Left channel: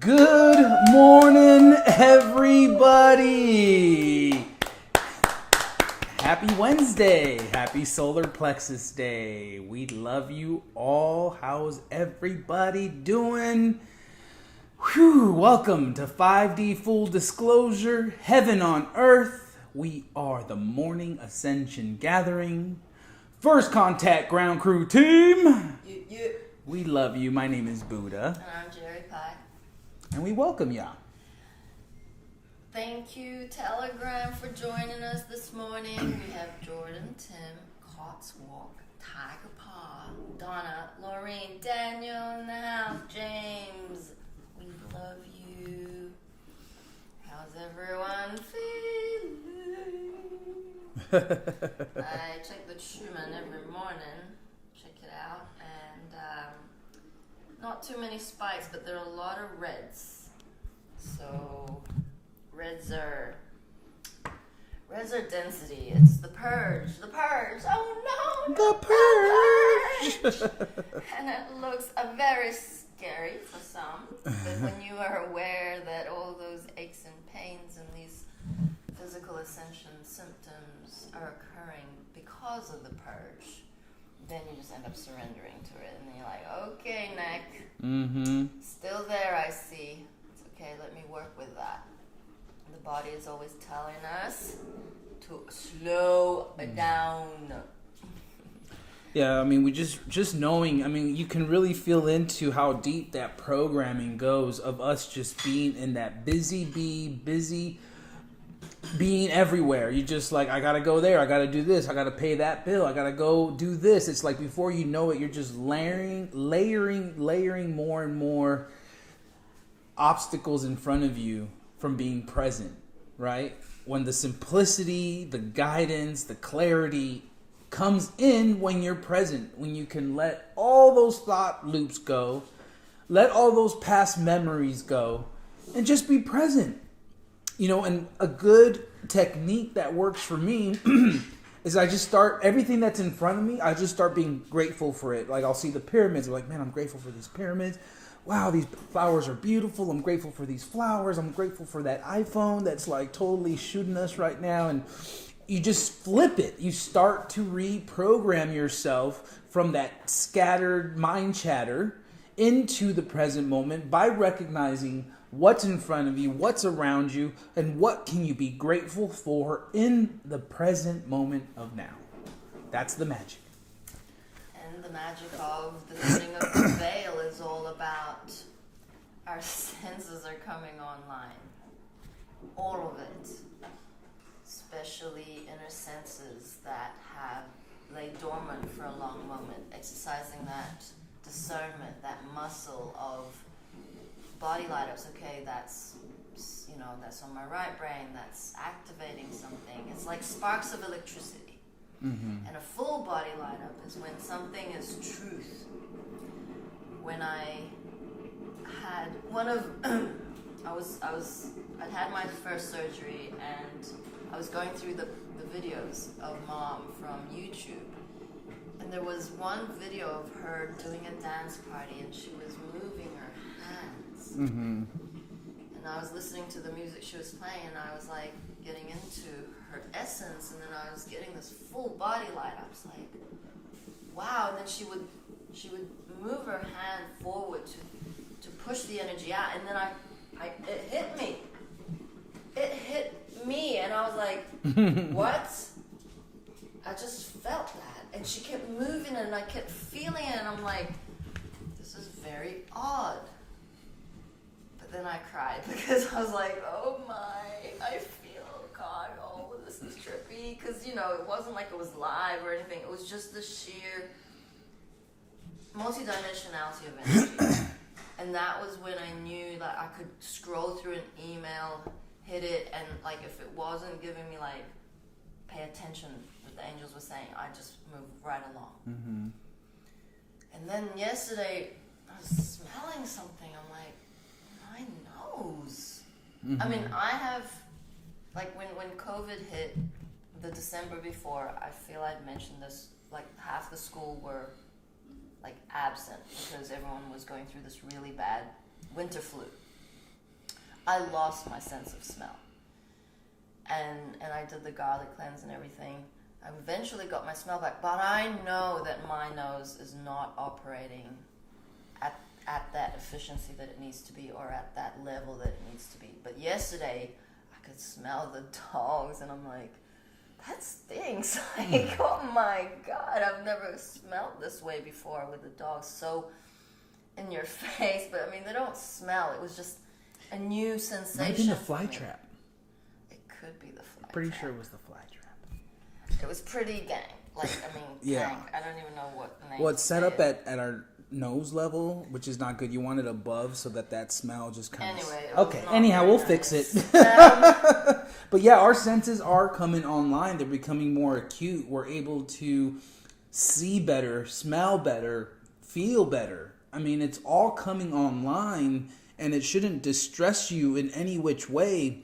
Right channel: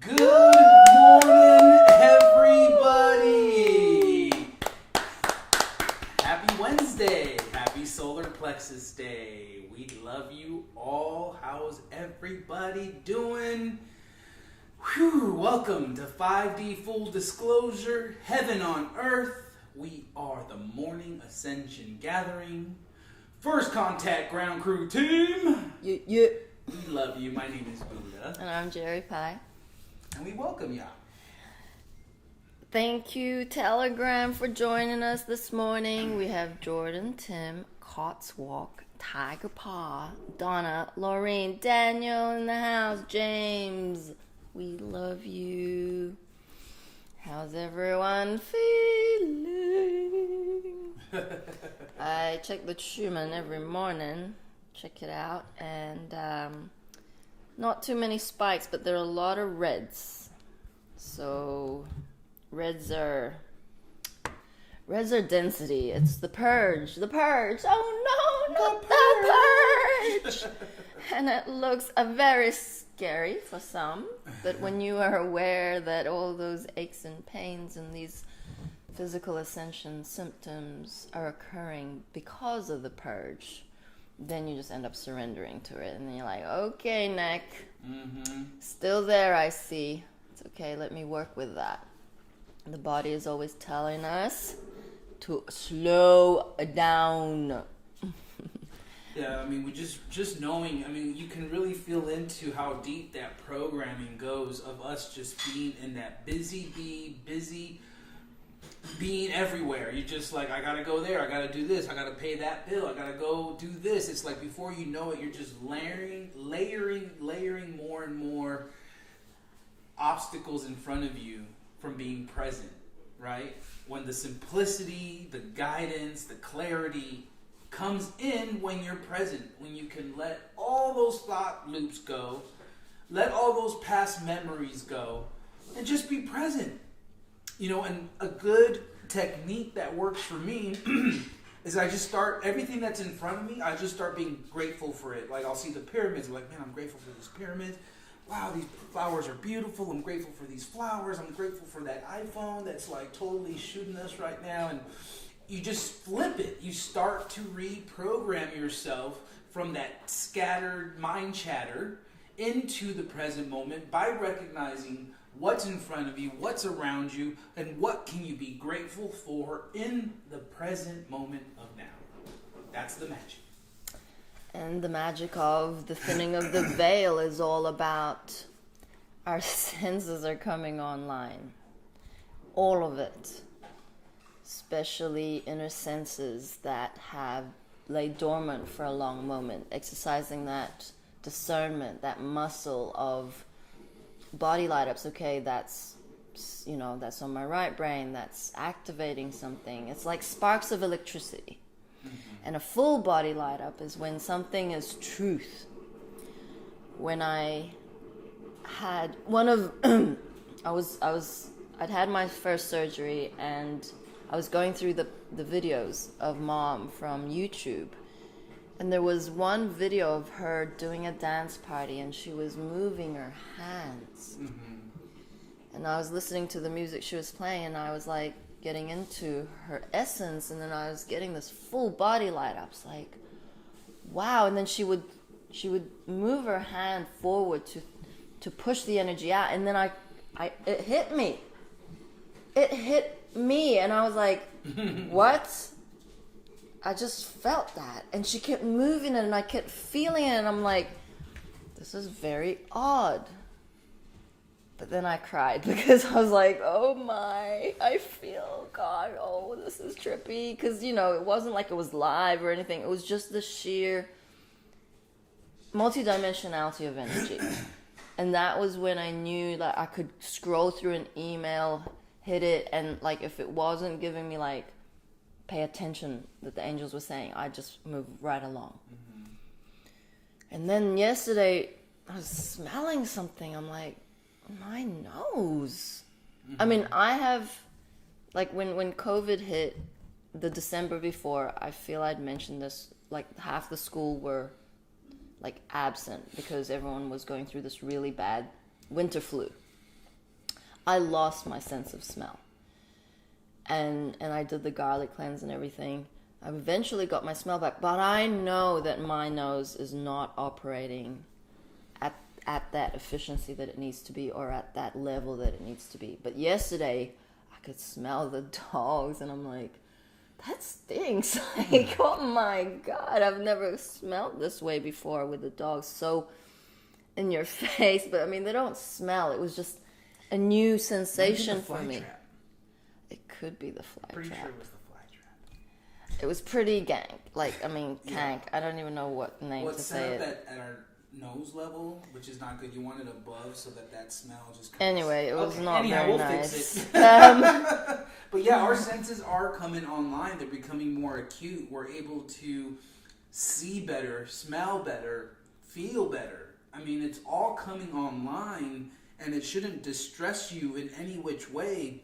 Good morning, everybody. Happy Wednesday. Happy Solar Plexus Day. We love you all. How's everybody doing? Whew, welcome to 5D Full Disclosure, Heaven on Earth. We are the Morning Ascension Gathering. First Contact Ground Crew Team. We love you. My name is Buddha. And I'm Jeri-Lee. And we welcome ya. Thank you, Telegram, for joining us this morning. We have Jordan, Tim, Cotswalk, Tiger Paw, Donna, Laureen, Daniel in the house, James. We love you. How's everyone feeling? I check the Schumann every morning. Check it out. And not too many spikes, but there are a lot of reds. So reds are density. It's the purge. The purge. Oh no, the purge. And it looks very scary for some. But when you are aware that all those aches and pains and these physical ascension symptoms are occurring because of the purge, then you just end up surrendering to it. And then you're like, okay, neck. Still there, I see. It's okay, let me work with that. The body is always telling us to slow down. Yeah, I mean, we just knowing, I mean, you can really feel into how deep that programming goes of us just being in that busy being everywhere. You just like, I gotta go there, I gotta do this, I gotta pay that bill, I gotta go do this. It's like before you know it, you're just layering more and more obstacles in front of you from being present, right? When the simplicity, the guidance, the clarity comes in when you're present, when you can let all those thought loops go, let all those past memories go, and just be present. You know, and a good technique that works for me is I just start, everything that's in front of me, I just start being grateful for it. Like I'll see the pyramids, I'm like, man, I'm grateful for these pyramids. Wow, these flowers are beautiful. I'm grateful for these flowers. I'm grateful for that iPhone that's like totally shooting us right now. And you just flip it. You start to reprogram yourself from that scattered mind chatter into the present moment by recognizing what's in front of you, what's around you, and what can you be grateful for in the present moment of now. That's the magic. And the magic of the thinning of the veil is all about our senses are coming online. All of it. Especially inner senses that have laid dormant for a long moment. Exercising that discernment, that muscle of body light ups. Okay, that's on my right brain, that's activating something. It's like sparks of electricity. And a full body light up is when something is truth. When I had I'd had my first surgery, and I was going through the videos of Mom from YouTube. And there was one video of her doing a dance party, and she was moving her hands. And I was listening to the music she was playing, and I was like getting into her essence, and then I was getting this full body light up. It's like, wow. And then she would move her hand forward to push the energy out, and then it hit me. It hit me, and I was like, what? I just felt that. And she kept moving it, and I kept feeling it, and I'm like, this is very odd. But then I cried because I was like, oh my, I feel God, oh, this is trippy. Because, it wasn't like it was live or anything. It was just the sheer multidimensionality of energy. And that was when I knew that I could scroll through an email, hit it, and like if it wasn't giving me like pay attention that the angels were saying, I just moved right along. And then yesterday I was smelling something. I'm like, my nose. I mean, I have, like when COVID hit the December before, I feel I'd mentioned this, like half the school were like absent because everyone was going through this really bad winter flu. I lost my sense of smell. And I did the garlic cleanse and everything. I eventually got my smell back, but I know that my nose is not operating at that efficiency that it needs to be, or at that level that it needs to be. But yesterday, I could smell the dogs, and I'm like, that stinks. Like, oh my God, I've never smelled this way before with the dogs so in your face. But I mean, they don't smell. It was just a new sensation the fly for me. Trap. It could be the fly Pretty trap. sure it was the fly trap. It was pretty gank. Like, I mean, Yeah. gank. I don't even know what name Well, to it's set say up it. at our nose level, which is not good. You want it above so that smell just comes. Anyway, it was okay. not Anyhow, very we'll nice. fix it. But yeah, our senses are coming online. They're becoming more acute. We're able to see better, smell better, feel better. I mean, it's all coming online, and it shouldn't distress you in any which way.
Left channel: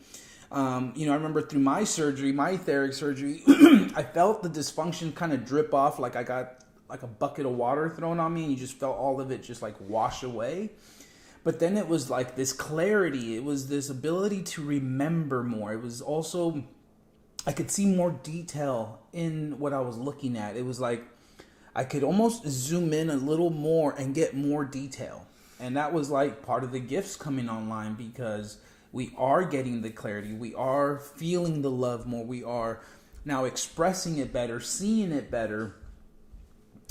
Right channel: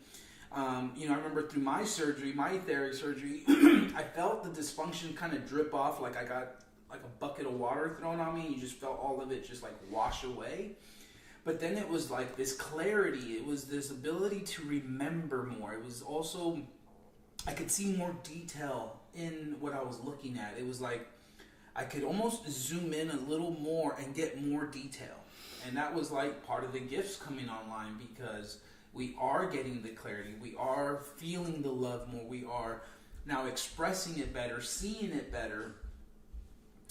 I remember through my surgery, my etheric surgery, I felt the dysfunction kind of drip off, like I got like a bucket of water thrown on me, and you just felt all of it just like wash away. But then it was like this clarity. It was this ability to remember more. It was also, I could see more detail in what I was looking at. It was like I could almost zoom in a little more and get more detail. And that was like part of the gifts coming online, because we are getting the clarity. We are feeling the love more. We are now expressing it better, seeing it better.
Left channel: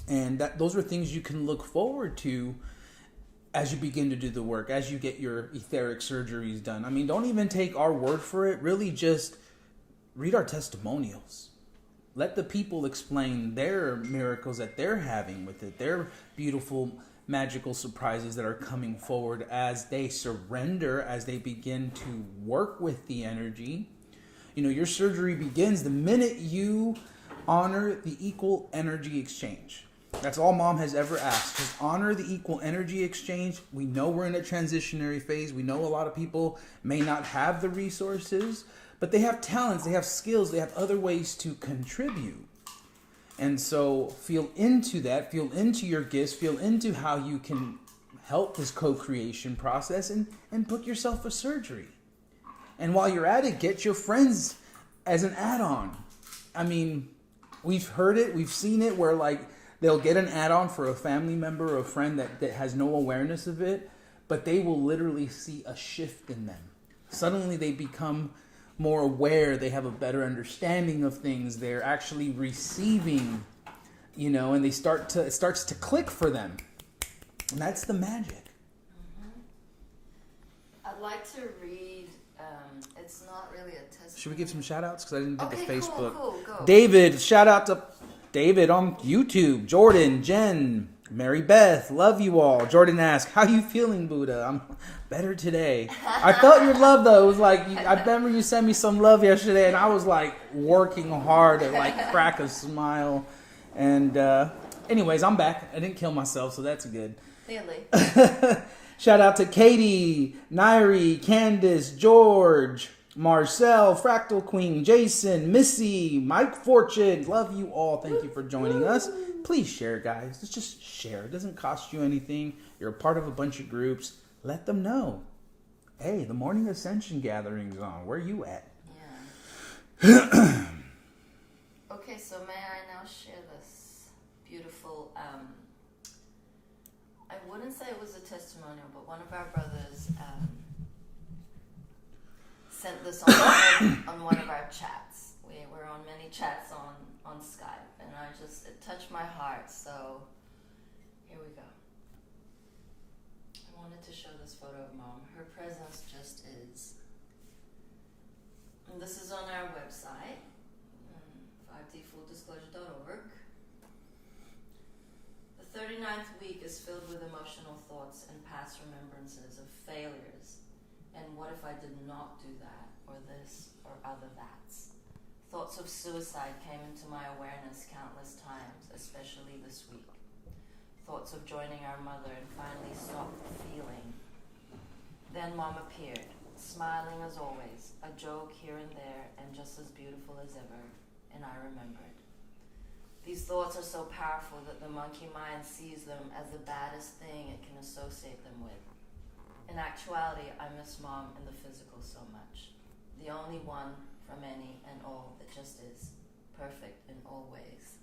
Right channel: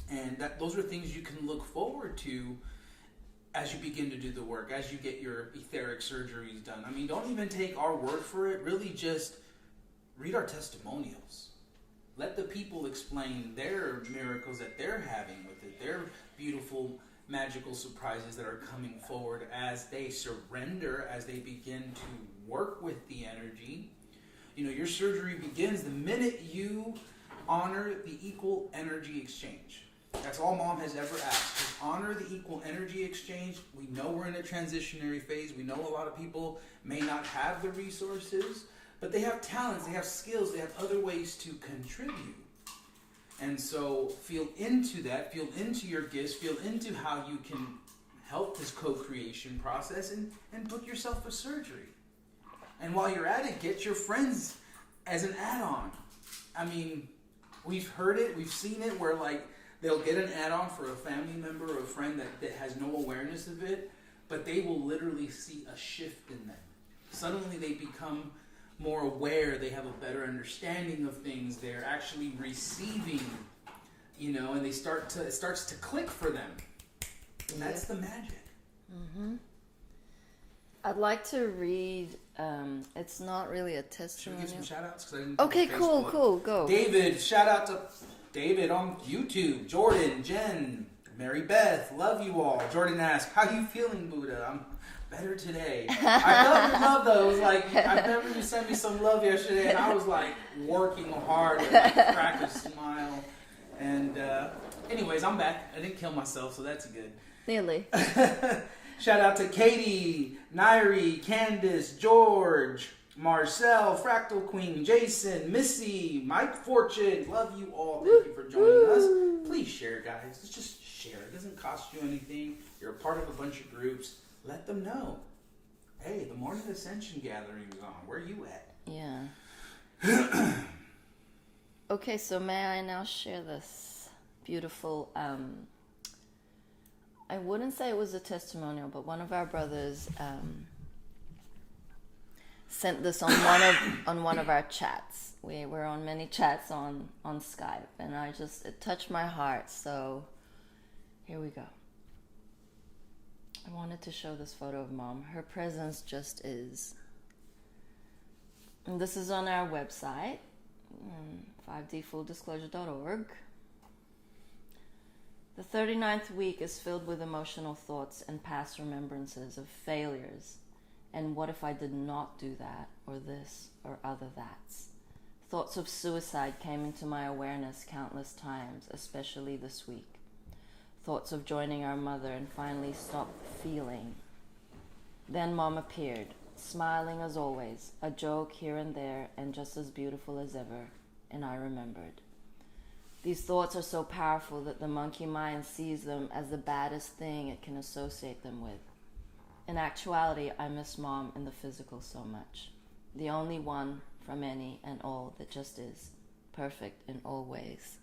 And those are things you can look forward to as you begin to do the work, as you get your etheric surgeries done. I mean, don't even take our word for it. Really just read our testimonials. Let the people explain their miracles that they're having with it, their beautiful, magical surprises that are coming forward as they surrender, as they begin to work with the energy. Your surgery begins the minute you honor the equal energy exchange. That's all Mom has ever asked. Just honor the equal energy exchange. We know we're in a transitionary phase. We know a lot of people may not have the resources, but they have talents, they have skills, they have other ways to contribute. And so feel into that, feel into your gifts, feel into how you can help this co-creation process, and book yourself a surgery. And while you're at it, get your friends as an add-on. I mean, we've heard it, we've seen it, where like they'll get an add-on for a family member or a friend that has no awareness of it, but they will literally see a shift in them. Suddenly they become more aware, they have a better understanding of things, they're actually receiving, and it starts to click for them. And that's the magic. Mm-hmm. I'd like to read, it's not really a testimony. Should we give some shout outs? Because I didn't do Okay, the Facebook. cool, go. David, shout out to David on YouTube. Jordan, Jen, Mary Beth, love you all. Jordan asked, how you feeling, Buddha? I'm better today. I felt your love, though. It was like, I remember you sent me some love yesterday, and I was like working hard to like crack a smile. And anyways, I'm back. I didn't kill myself, so that's good. Nearly. Shout out to Katie, Nairi, Candace, George, Marcel, Fractal Queen, Jason, Missy, Mike Fortune. Love you all. Thank you for joining us. Please share, guys. Let's just share. It doesn't cost you anything. You're a part of a bunch of groups. Let them know. Hey, the Morning Ascension gathering's on. Where you at? Yeah. Okay, so may I now share this beautiful, I wouldn't say it was a testimonial, but one of our brothers sent this on one of our chats. We were on many chats on Skype, and it touched my heart, so here we go. I wanted to show this photo of Mom. Her presence just is. And this is on our website, 5dfulldisclosure.org. The 39th week is filled with emotional thoughts and past remembrances of failures. And what if I did not do that, or this, or other that's? Thoughts of suicide came into my awareness countless times, especially this week. Thoughts of joining our mother and finally stopped feeling. Then Mom appeared, smiling as always, a joke here and there, and just as beautiful as ever, and I remembered. These thoughts are so powerful that the monkey mind sees them as the baddest thing it can associate them with. In actuality, I miss Mom in the physical so much. The only one from any and all that just is, perfect in all ways.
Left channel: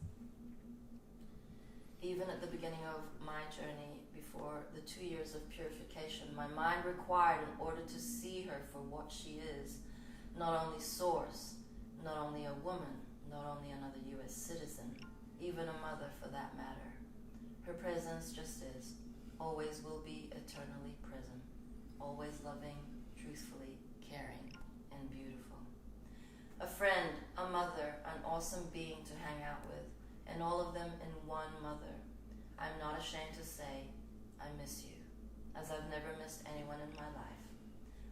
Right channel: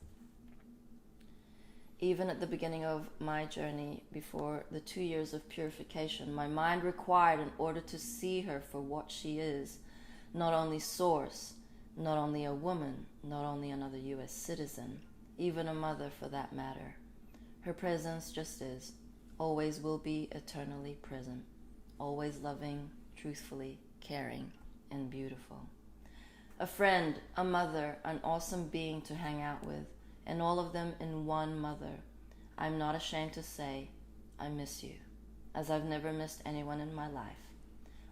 Even at the beginning of my journey, before the 2 years of purification, my mind required, in order to see her for what she is, not only source, not only a woman, not only another U.S. citizen, even a mother for that matter. Her presence just is, always will be eternally present, always loving, truthfully, caring, and beautiful. A friend, a mother, an awesome being to hang out with, and all of them in one mother. I'm not ashamed to say, I miss you, as I've never missed anyone in my life.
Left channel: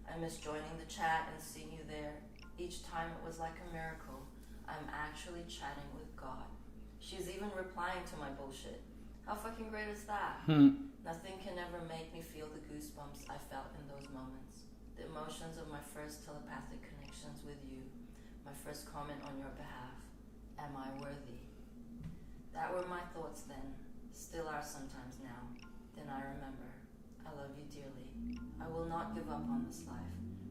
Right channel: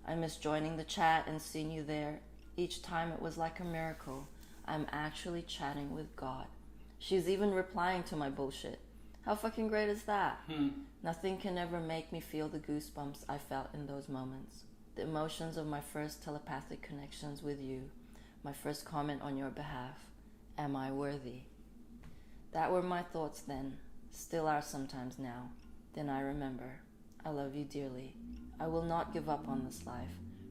I miss joining the chat and seeing you there. Each time it was like a miracle. I'm actually chatting with God. She's even replying to my bullshit. How fucking great is that? Nothing can ever make me feel the goosebumps I felt in those moments. The emotions of my first telepathic connections with you. My first comment on your behalf. Am I worthy? That were my thoughts then. Still are sometimes now. Then I remember. I love you dearly. I will not give up on this life,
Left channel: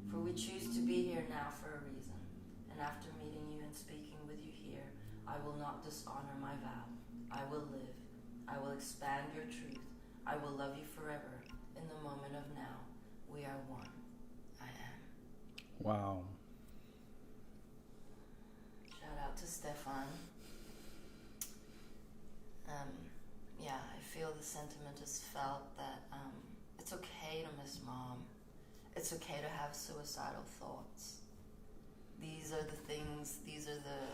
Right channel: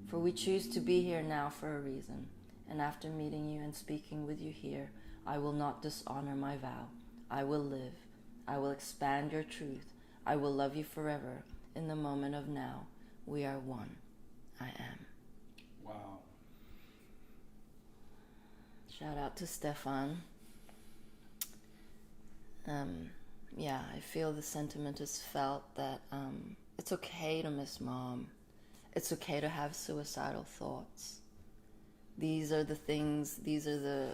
for we choose to be here now for a reason. And after meeting you and speaking with you here, I will not dishonor my vow. I will live. I will expand your truth. I will love you forever. In the moment of now, we are one. I am. Wow. Shout out to Stefan. Yeah, I feel the sentiment is felt that it's okay to miss Mom. It's okay to have suicidal thoughts. These are the things, these are the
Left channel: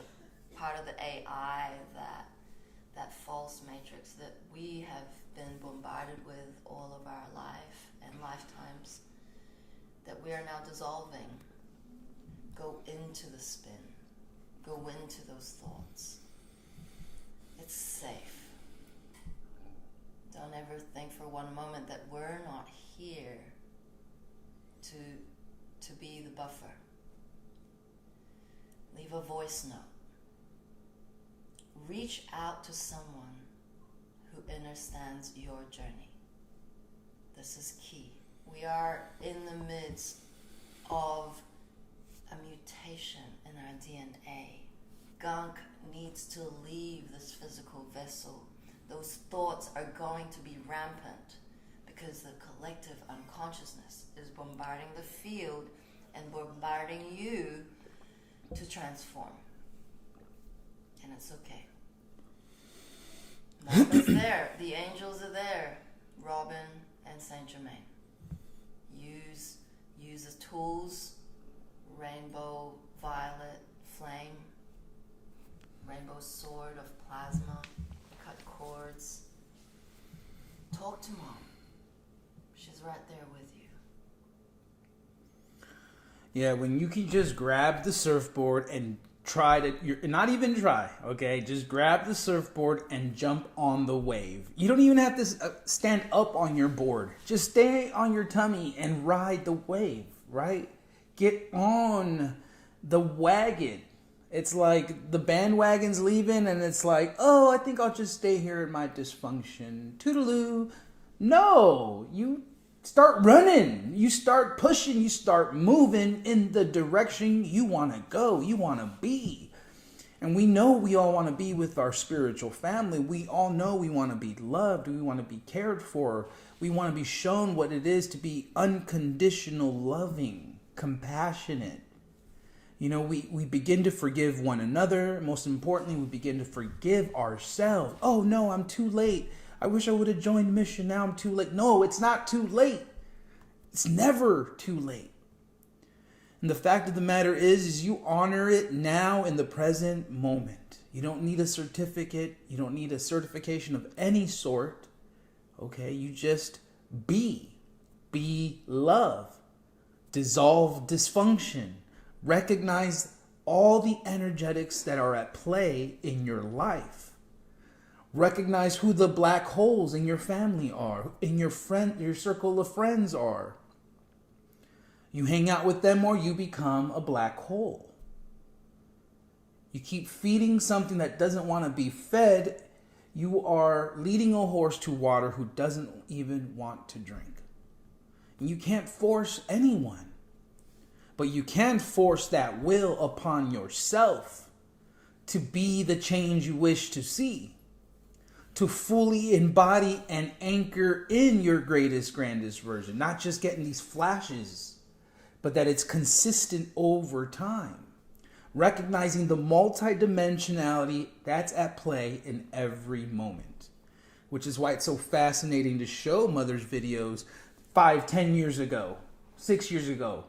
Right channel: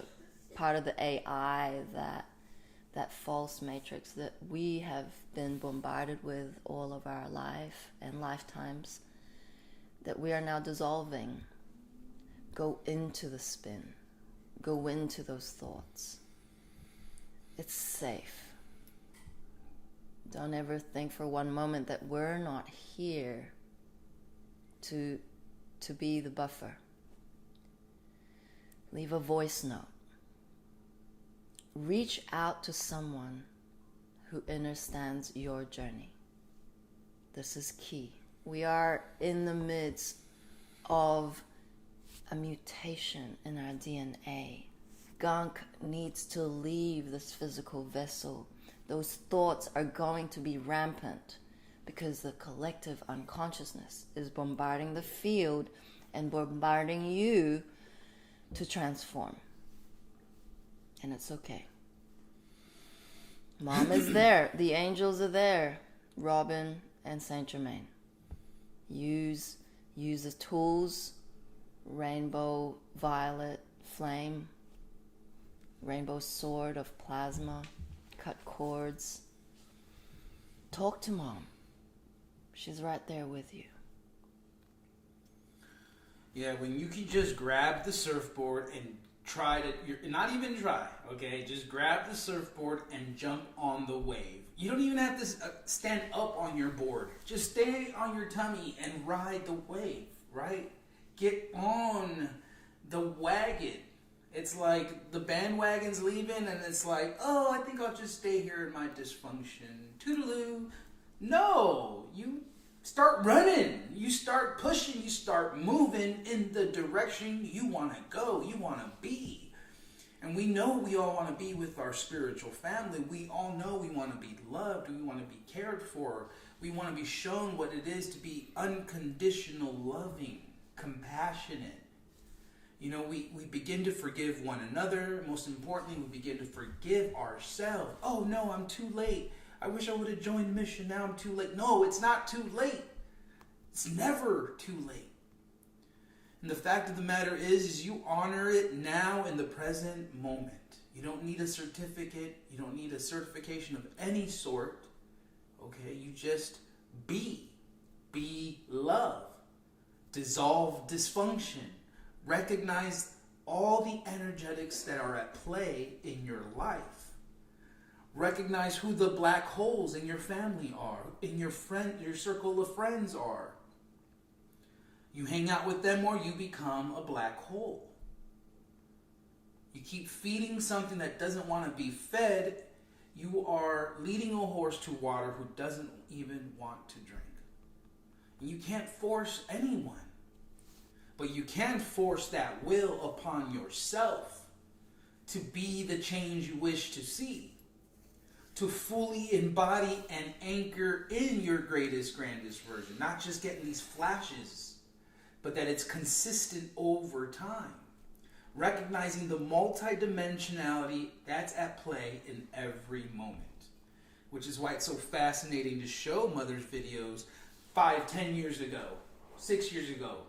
part of the AI, that false matrix that we have been bombarded with all of our life and lifetimes, that we are now dissolving. Go into the spin. Go into those thoughts. It's safe. Don't ever think for one moment that we're not here to be the buffer. Leave a voice note. Reach out to someone who understands your journey. This is key. We are in the midst of a mutation in our DNA. Gunk needs to leave this physical vessel. Those thoughts are going to be rampant because the collective unconsciousness is bombarding the field and bombarding you to transform. And it's okay. Mom is there. The angels are there. Robin and Saint Germain. Use the tools. Rainbow violet flame. Rainbow sword of plasma. Cut cords. Talk to Mom. She's right there with you. Yeah, when you can just grab the surfboard and try to, not even try, okay? Just grab the surfboard and jump on the wave. You don't even have to stand up on your board. Just stay on your tummy and ride the wave, right? Get on the wagon. It's like the bandwagon's leaving and it's like, oh, I think I'll just stay here in my dysfunction. Toodaloo. No, you start running. You start pushing. You start moving in the direction you want to go. You want to be. And we know we all want to be with our spiritual family. We all know we want to be loved. We want to be cared for. We want to be shown what it is to be unconditional, loving, compassionate. You know, we begin to forgive one another. Most importantly, we begin to forgive ourselves. Oh, no, I'm too late. I wish I would have joined the mission. Now I'm too late. No, it's not too late. It's never too late. And the fact of the matter is you honor it now in the present moment. You don't need a certificate. You don't need a certification of any sort. Okay, you just be. Be love. Dissolve dysfunction. Recognize all the energetics that are at play in your life. Recognize who the black holes in your family are, in your circle of friends are. You hang out with them or you become a black hole. You keep feeding something that doesn't want to be fed, you are leading a horse to water who doesn't even want to drink. You can't force anyone. But you can force that will upon yourself to be the change you wish to see. To fully embody and anchor in your greatest, grandest version. Not just getting these flashes, but that it's consistent over time. Recognizing the multidimensionality that's at play in every moment. Which is why it's so fascinating to show Mother's videos 5, 10 years ago, 6 years ago.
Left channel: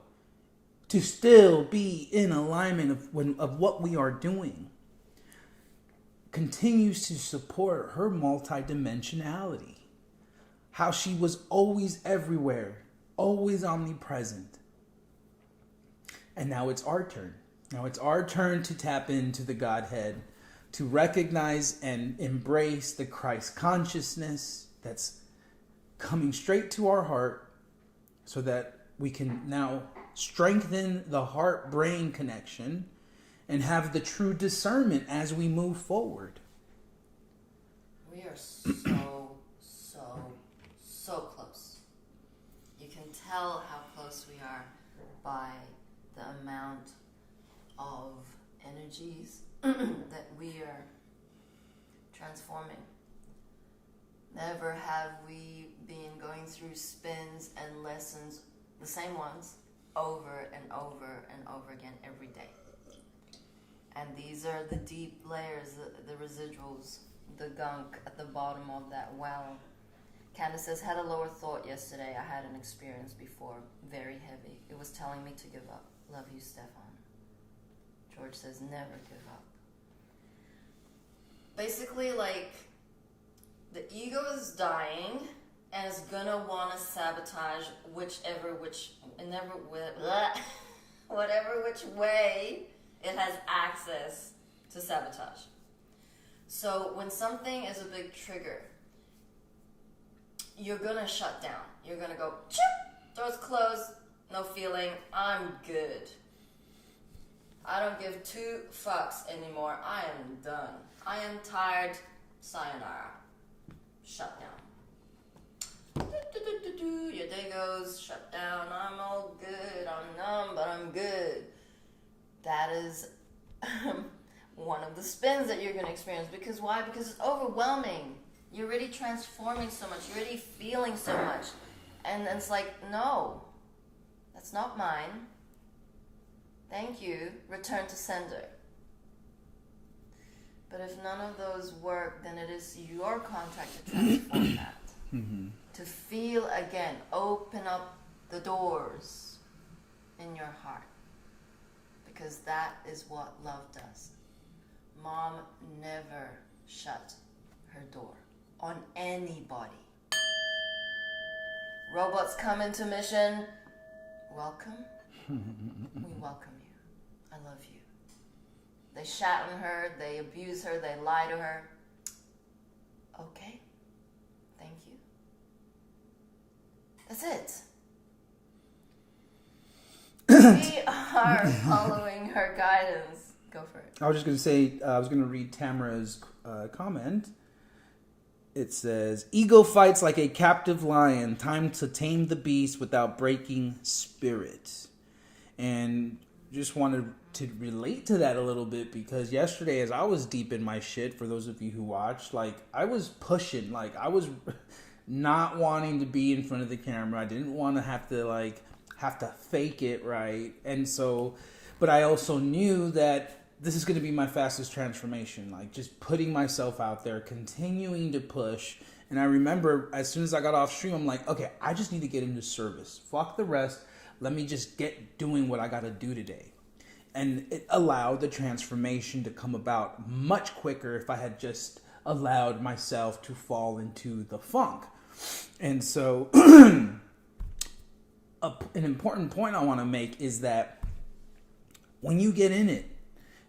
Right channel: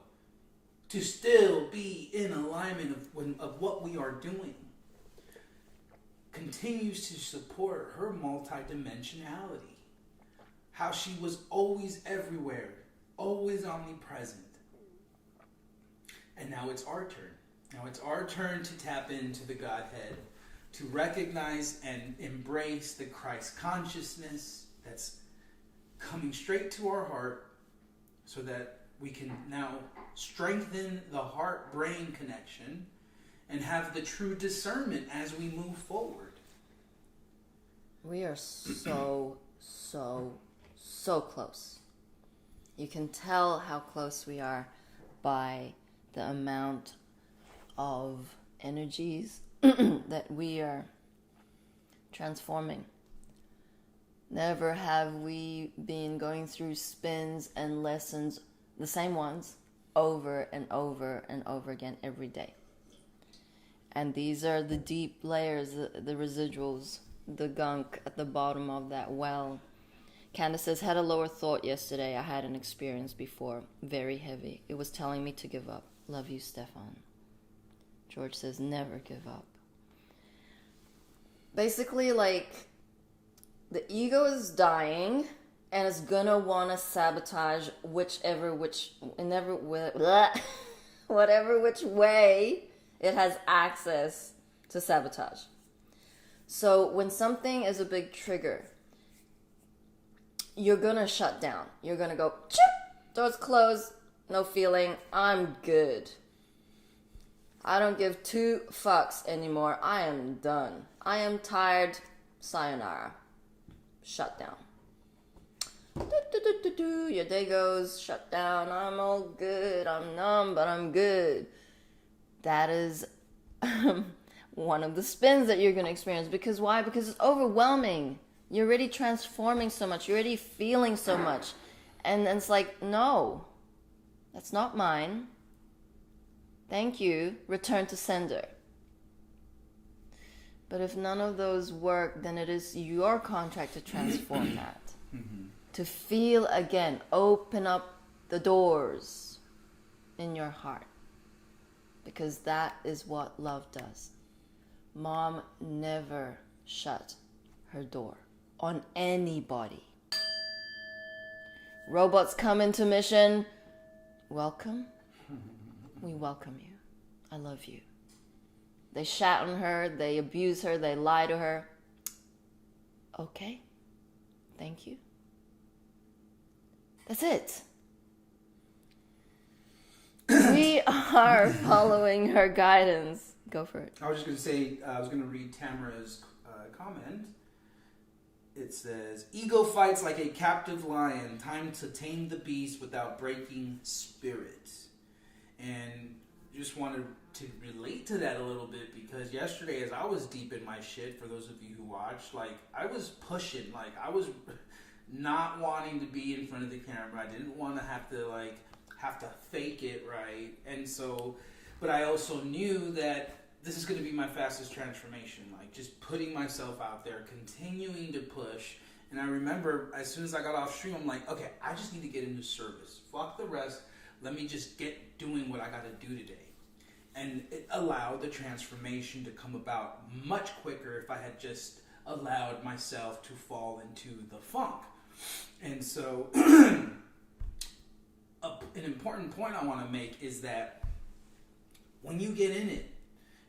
To still be in alignment of what we are doing. Continues to support her multidimensionality. How she was always everywhere. Always omnipresent. And now it's our turn. Now it's our turn to tap into the Godhead. To recognize and embrace the Christ consciousness that's coming straight to our heart. So that we can now strengthen the heart-brain connection and have the true discernment as we move forward. We are so close. You can tell how close we are by the amount of energies that we are transforming. Never have we been going through spins and lessons, the same ones, over and over and over again every day. And these are the deep layers, the residuals, the gunk at the bottom of that well. Candace says, had a lower thought yesterday. I had an experience before, very heavy. It was telling me to give up. Love you, Stefan. George says, never give up. Basically, like, the ego is dying and is gonna want to sabotage whatever which way it has access to sabotage. So when something is a big trigger, you're gonna shut down. You're gonna go, chip, doors closed, no feeling, I'm good. I don't give 2 fucks anymore. I am done. I am tired. Sayonara. Shut down. Your day goes, shut down. I'm all good. I'm numb, but I'm good. That is one of the spins that you're going to experience. Because why? Because it's overwhelming. You're already transforming so much. You're already feeling so much. And it's like, no, that's not mine. Thank you. Return to sender. But if none of those work, then it is your contract to transform that. Mm-hmm. To feel again, open up the doors in your heart. Because that is what love does. Mom never shut her door on anybody. Robots come into mission. Welcome. We welcome you. I love you. They shat on her, they abuse her, they lie to her. Okay. Thank you. That's it. We are following her guidance. Go for it. I was just going to say, I was going to read Tamara's comment. It says, ego fights like a captive lion, time to tame the beast without breaking spirit. And just wanted to relate to that a little bit because yesterday as I was deep in my shit, for those of you who watched, like I was pushing, like I was not wanting to be in front of the camera. I didn't want to have to fake it, right? And so, but I also knew that this is going to be my fastest transformation, like just putting myself out there, continuing to push. And I remember as soon as I got off stream, I'm like, okay, I just need to get into service. Fuck the rest. Let me just get doing what I got to do today. And it allowed the transformation to come about much quicker if I had just allowed myself to fall into the funk. And so an important point I want to make is that when you get in it,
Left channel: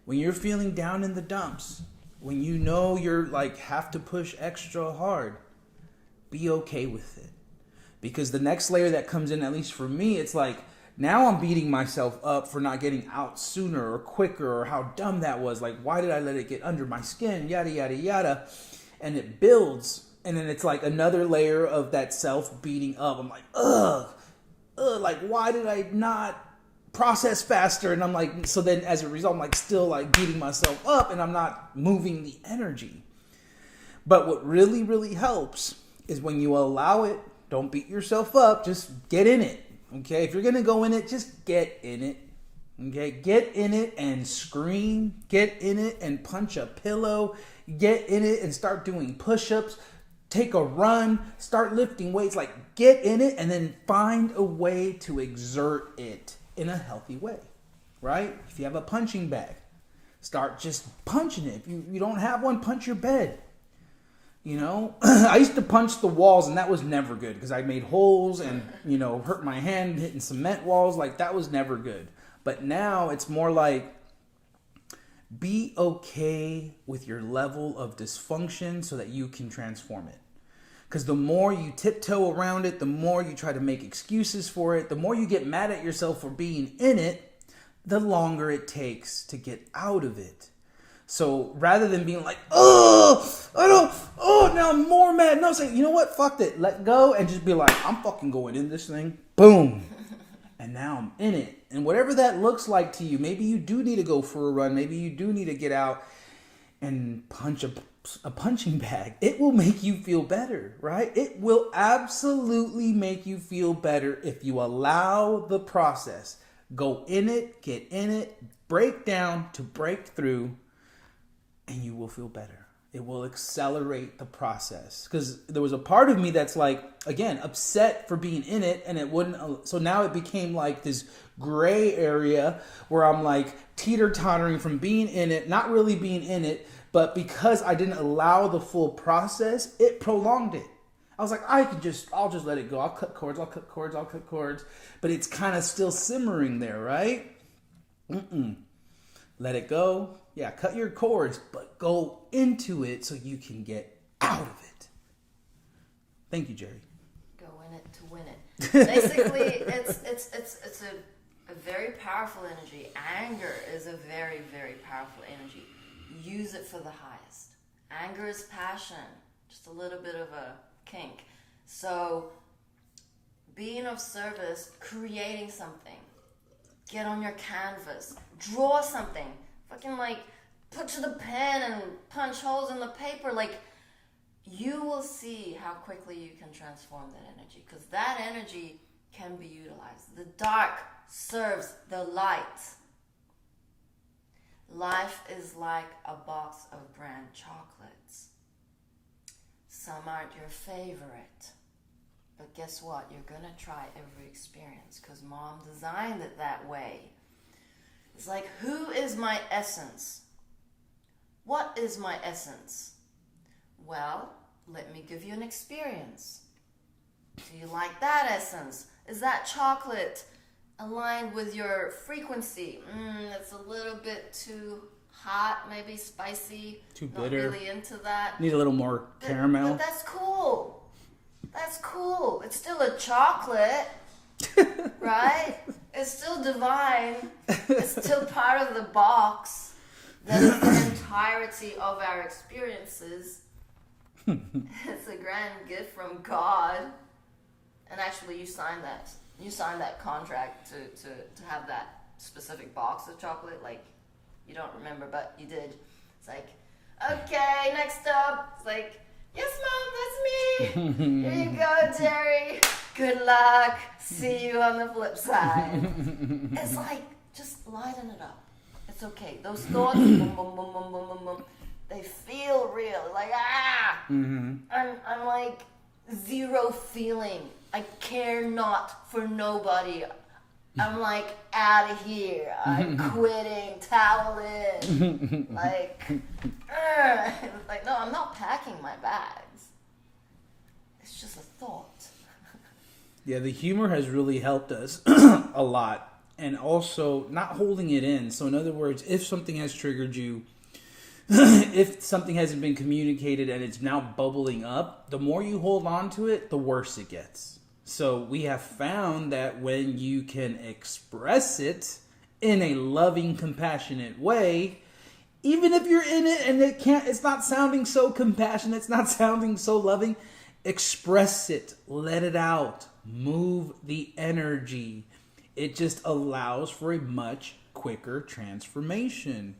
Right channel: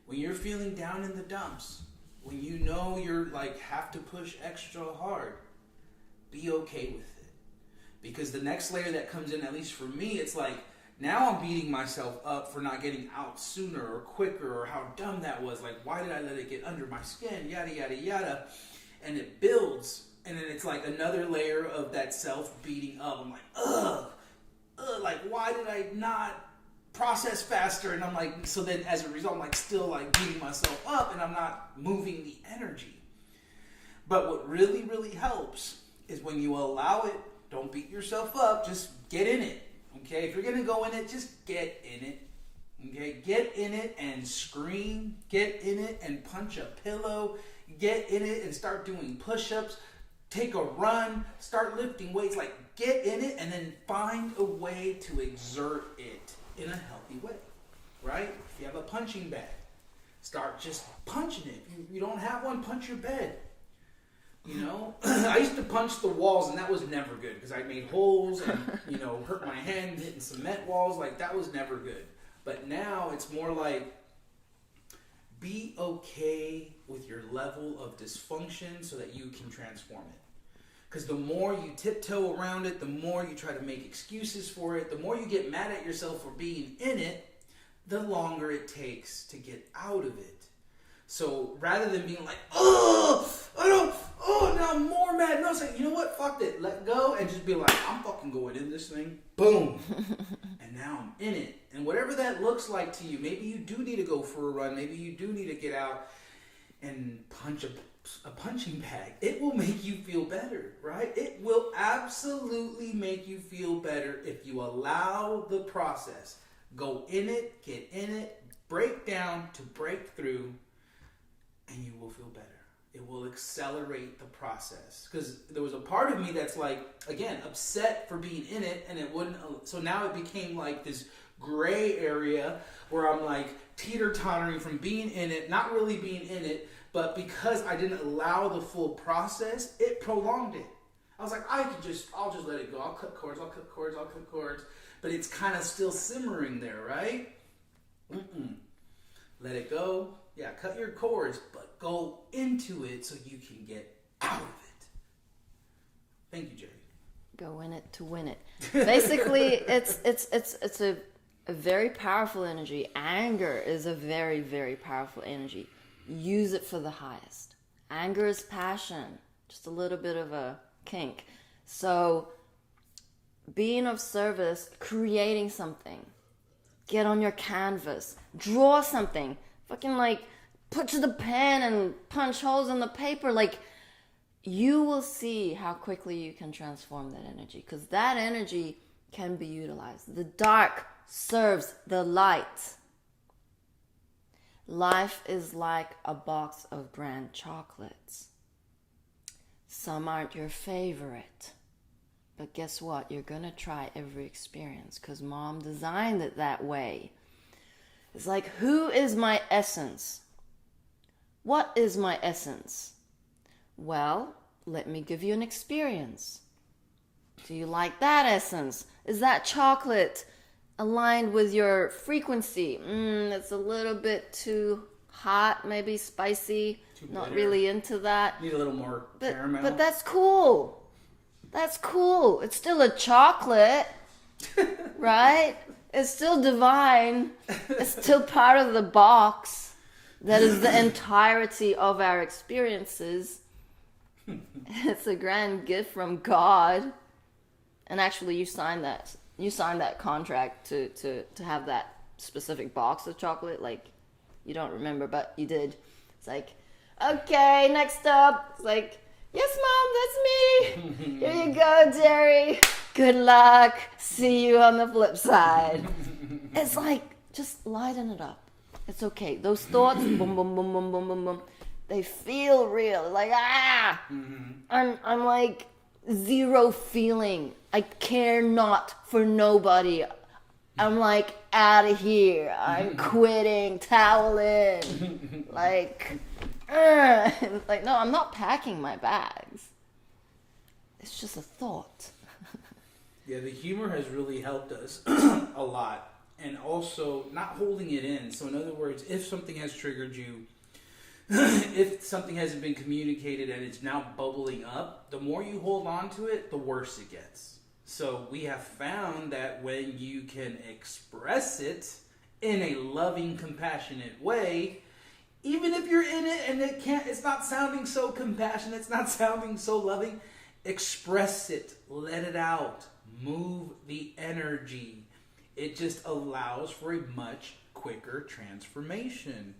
when you're feeling down in the dumps, when you know you're like have to push extra hard, be okay with it. Because the next layer that comes in, at least for me, it's like, now I'm beating myself up for not getting out sooner or quicker or how dumb that was. Like, why did I let it get under my skin? Yada, yada, yada. And it builds. And then it's like another layer of that self beating up. I'm like, ugh. like, why did I not process faster? And I'm like, so then as a result, I'm like still like beating myself up and I'm not moving the energy. But what really, really helps is when you allow it, don't beat yourself up, just get in it. Okay, if you're going to go in it, just get in it. Okay, get in it and scream. Get in it and punch a pillow. Get in it and start doing push-ups. Take a run. Start lifting weights. Like, get in it and then find a way to exert it in a healthy way. Right? If you have a punching bag, start just punching it. If you don't have one, punch your bed. You know, I used to punch the walls and that was never good because I made holes and, you know, hurt my hand hitting cement walls. Like, that was never good. But now it's more like, be okay with your level of dysfunction so that you can transform it. Because the more you tiptoe around it, the more you try to make excuses for it, the more you get mad at yourself for being in it, the longer it takes to get out of it. So rather than being like, now I'm more mad. No, say, you know what? Fuck it. Let go and just be like, I'm fucking going in this thing. Boom. And now I'm in it. And whatever that looks like to you, maybe you do need to go for a run. Maybe you do need to get out and punch a punching bag. It will make you feel better, right? It will absolutely make you feel better if you allow the process. Go in it, get in it, break down to break through. And you will feel better. It will accelerate the process. Because there was a part of me that's like, again, upset for being in it. And it wouldn't. So now it became like this gray area where I'm like teeter-tottering from being in it, not really being in it. But because I didn't allow the full process, it prolonged it. I was like, I'll just let it go. I'll cut cords. But it's kind of still simmering there, right? Let it go. Yeah, cut your cords, but go into it so you can get out of it. Thank you, Jerry. Go in it to win it. Basically, it's a very powerful energy. Anger is a very, very powerful energy. Use it for the highest. Anger is passion, just a little bit of a kink. So, being of service, creating something. Get on your canvas. Draw something. Fucking like put to the pen and punch holes in the paper. Like, you will see how quickly you can transform that energy, because that energy can be utilized. The dark serves the light. Life is like a box of grand chocolates. Some aren't your favorite, but guess what? You're gonna try every experience because Mom designed it that way. It's like, who is my essence? What is my essence? Well, let me give you an experience. Do you like that essence? Is that chocolate aligned with your frequency? It's a little bit too hot, maybe spicy. Too bitter. Not really into that. Need a little more caramel. But that's cool. That's cool. It's still a chocolate, right? It's still divine. It's still part of the box that is the entirety of our experiences. It's a grand gift from God. And actually, you signed that contract to have that specific box of chocolate. Like, you don't remember, but you did. It's like, okay, next up. It's like, yes, Mom, that's me. Here you go, Jerry. Good luck. See you on the flip side. It's like, just lighten it up. It's okay. Those thoughts, boom, boom, boom, boom, boom, boom, boom, they feel real. Like, I'm like zero feeling. I care not for nobody. I'm like out of here. I'm quitting, towel in. Like, no, I'm not packing my bags. It's just a thought. Yeah, the humor has really helped us a lot. And also not holding it in. So in other words, if something has triggered you, if something hasn't been communicated and it's now bubbling up, the more you hold on to it, the worse it gets. So we have found that when you can express it in a loving, compassionate way, even if you're in it and it's not sounding so compassionate, it's not sounding so loving, express it, let it out. move the energy. It just allows for a much quicker transformation.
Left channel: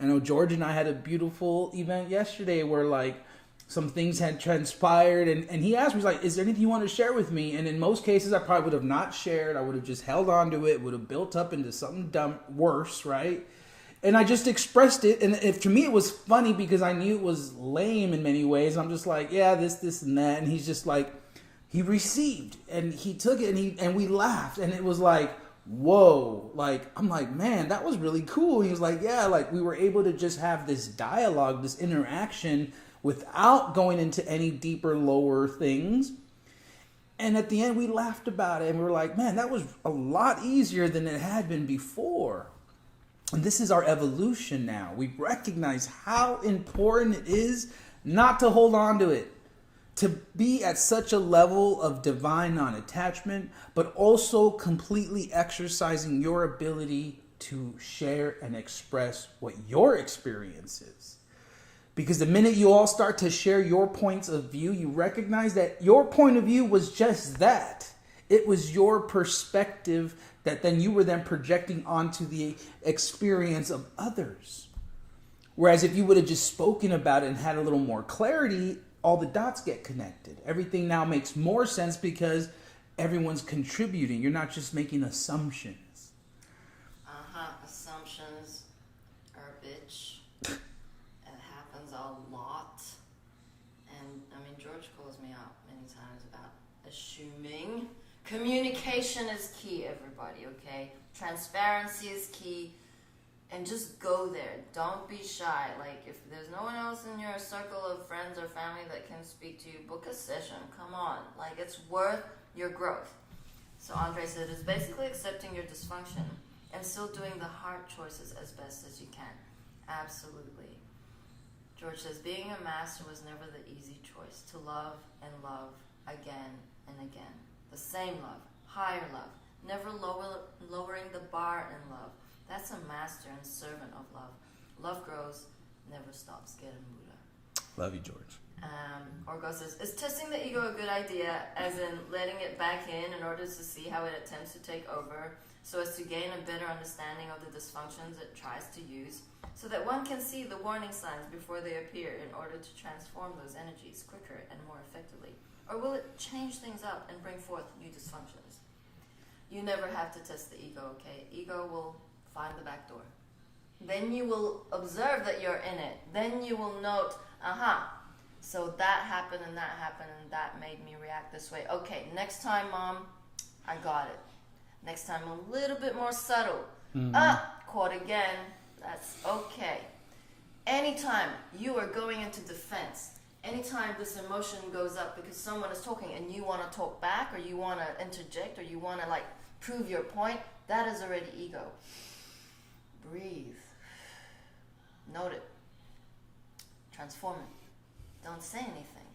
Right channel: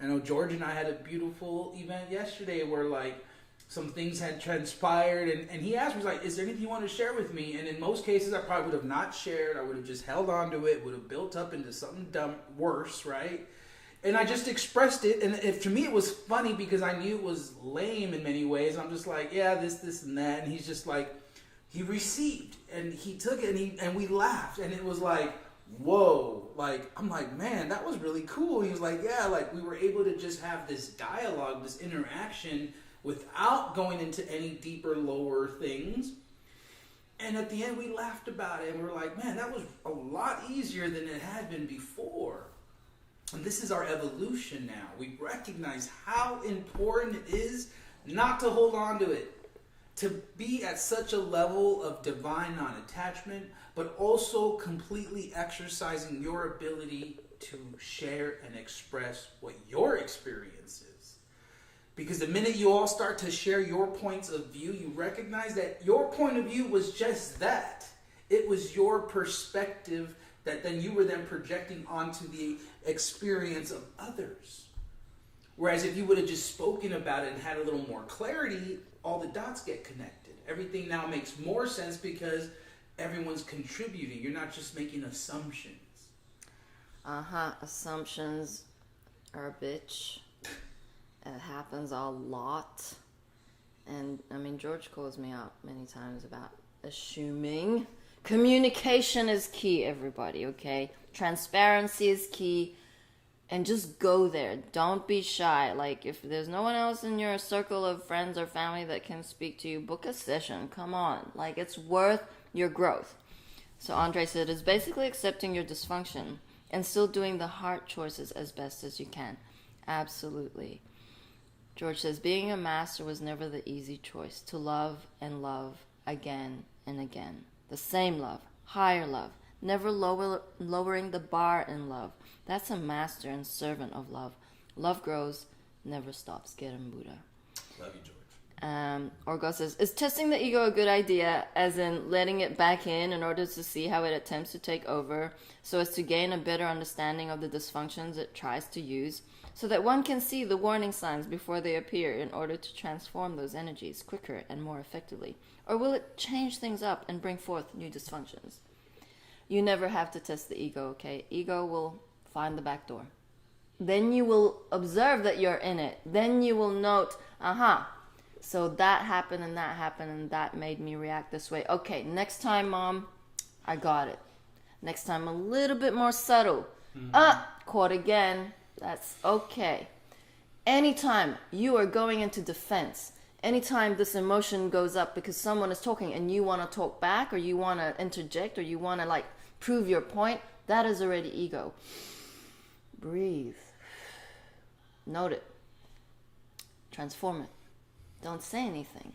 I know George and I had a beautiful event yesterday where like some things had transpired, and he asked me, he's like, is there anything you want to share with me? And in most cases I probably would have not shared. I would have just held on to it, would have built up into something worse, right? And I just expressed it, and to me it was funny because I knew it was lame in many ways. I'm just like, yeah, this and that, and he's just like, he received, and he took it, and we laughed, and it was like, whoa, like, I'm like, man, that was really cool. He was like, yeah, like, we were able to just have this dialogue, this interaction, without going into any deeper, lower things. And at the end, we laughed about it, and we were like, man, that was a lot easier than it had been before. And this is our evolution now. We recognize how important it is not to hold on to it, to be at such a level of divine non-attachment, but also completely exercising your ability to share and express what your experience is. Because the minute you all start to share your points of view, you recognize that your point of view was just that. It was your perspective that then you were then projecting onto the experience of others. Whereas if you would have just spoken about it and had a little more clarity, all the dots get connected. Everything now makes more sense because everyone's contributing. You're not just making assumptions. Assumptions are a bitch. It happens a lot. And, I mean, George calls me out many times about assuming. Communication is key, everybody, okay? Transparency is key. And just go there. Don't be shy. Like, if there's no one else in your circle of friends or family that can speak to you, book a session. Come on. Like, it's worth your growth. So Andre said, it's basically accepting your dysfunction and still doing the hard choices as best as you can. Absolutely. George says, being a master was never the easy choice. To love and love again and again. The same love. Higher love. Never lowering the bar in love. That's a master and servant of love. Love grows, never stops. Get him, Buddha. Love you, George. Orgo says, is testing the ego a good idea, as in letting it back in order to see how it attempts to take over, so as to gain a better understanding of the dysfunctions it tries to use, so that one can see the warning signs before they appear in order to transform those energies quicker and more effectively? Or will it change things up and bring forth new dysfunctions? You never have to test the ego, okay? Ego will find the back door. Then you will observe that you're in it. Then you will note, so that happened and that made me react this way. Okay, next time, Mom, I got it. Next time, a little bit more subtle. Caught again. That's okay. Anytime you are going into defense, anytime this emotion goes up because someone is talking and you want to talk back, or you want to interject, or you want to like prove your point, that is already ego. Breathe. Note it. Transform it. Don't say anything.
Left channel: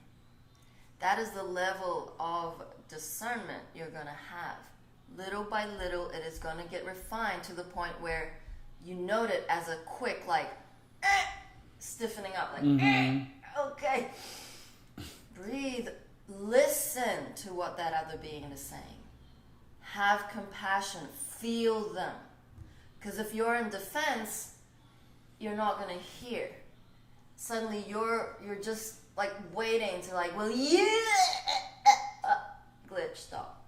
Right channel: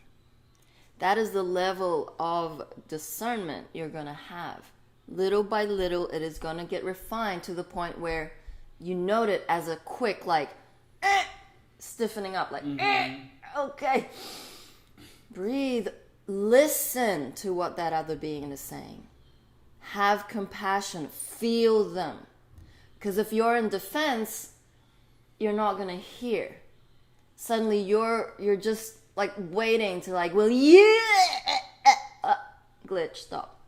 That is the level of discernment you're going to have. Little by little, it is going to get refined to the point where you note it as a quick, like, stiffening up, like, okay. Breathe. Listen to what that other being is saying. Have compassion. Feel them. Because if you're in defense, you're not going to hear. Suddenly you're just like waiting to like, well, glitch, stop.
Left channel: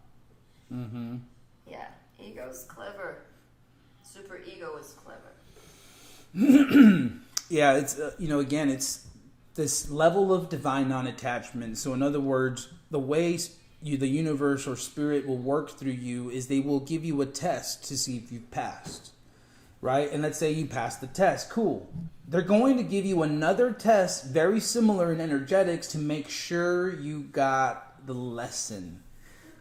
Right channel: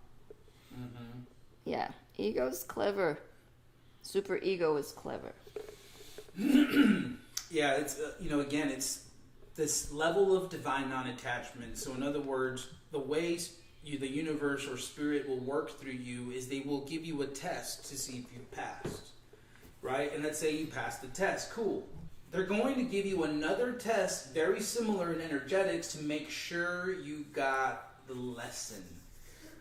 Yeah, ego's clever. Super ego is clever. Yeah, it's, again, it's this level of divine non-attachment. So in other words, the way the universe or spirit will work through you is they will give you a test to see if you've passed. Right? And let's say you passed the test. Cool. They're going to give you another test very similar in energetics to make sure you got the lesson.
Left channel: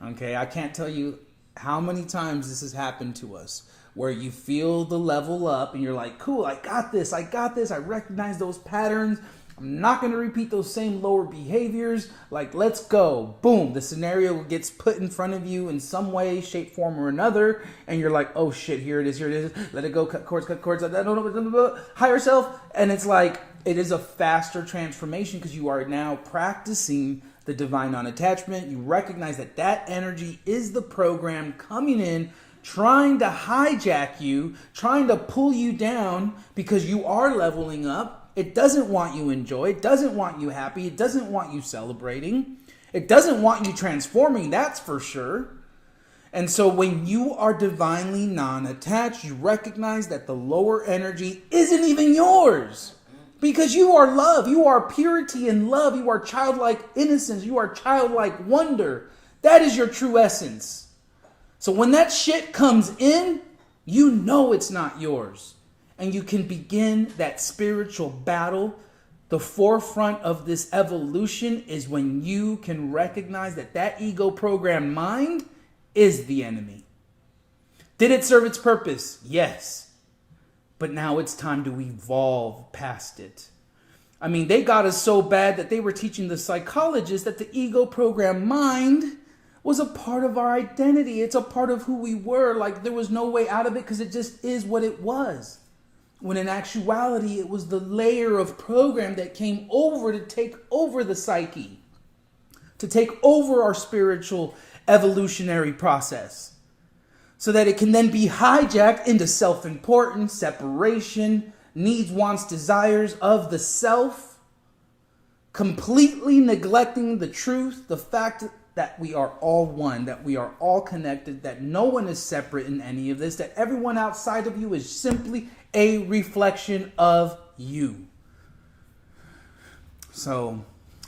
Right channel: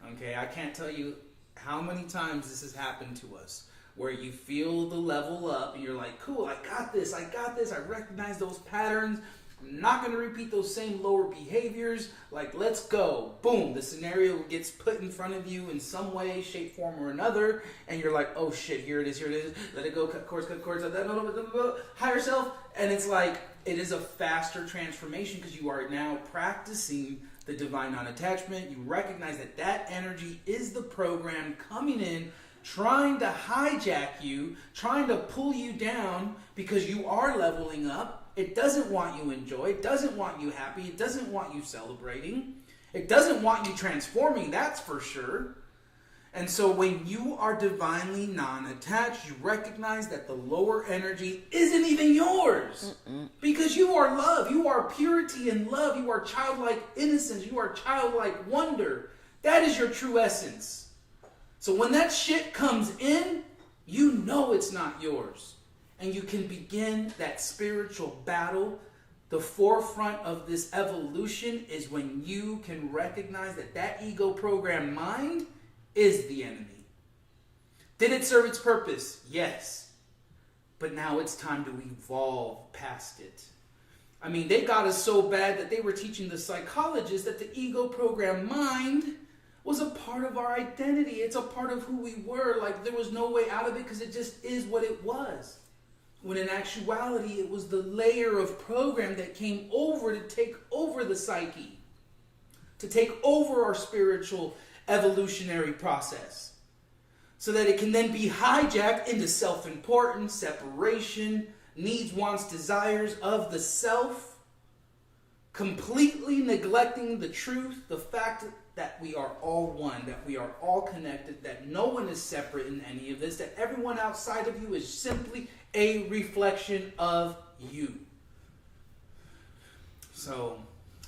Okay? I can't tell you how many times this has happened to us, where you feel the level up and you're like, cool, I got this. I recognize those patterns. I'm not going to repeat those same lower behaviors. Like, let's go. Boom. The scenario gets put in front of you in some way, shape, form, or another. And you're like, oh, shit, here it is. Let it go. Cut cords. Higher self. And it's like, it is a faster transformation because you are now practicing the divine non-attachment. You recognize that that energy is the program coming in, trying to hijack you, trying to pull you down because you are leveling up. It doesn't want you in joy. It doesn't want you happy. It doesn't want you celebrating. It doesn't want you transforming, that's for sure. And so when you are divinely non-attached, you recognize that the lower energy isn't even yours. Because you are love. You are purity and love. You are childlike innocence. You are childlike wonder. That is your true essence. So when that shit comes in, you know it's not yours. And you can begin that spiritual battle. The forefront of this evolution is when you can recognize that that ego programmed mind is the enemy. Did it serve its purpose? Yes. But now it's time to evolve past it. I mean, they got us so bad that they were teaching the psychologists that the ego programmed mind was a part of our identity. It's a part of who we were. Like there was no way out of it because it just is what it was. When in actuality, it was the layer of program that came over to take over the psyche, to take over our spiritual evolutionary process, so that it can then be hijacked into self-importance, separation, needs, wants, desires of the self, completely neglecting the truth, the fact that we are all one, that we are all connected, that no one is separate in any of this, that everyone outside of you is simply a reflection of you. So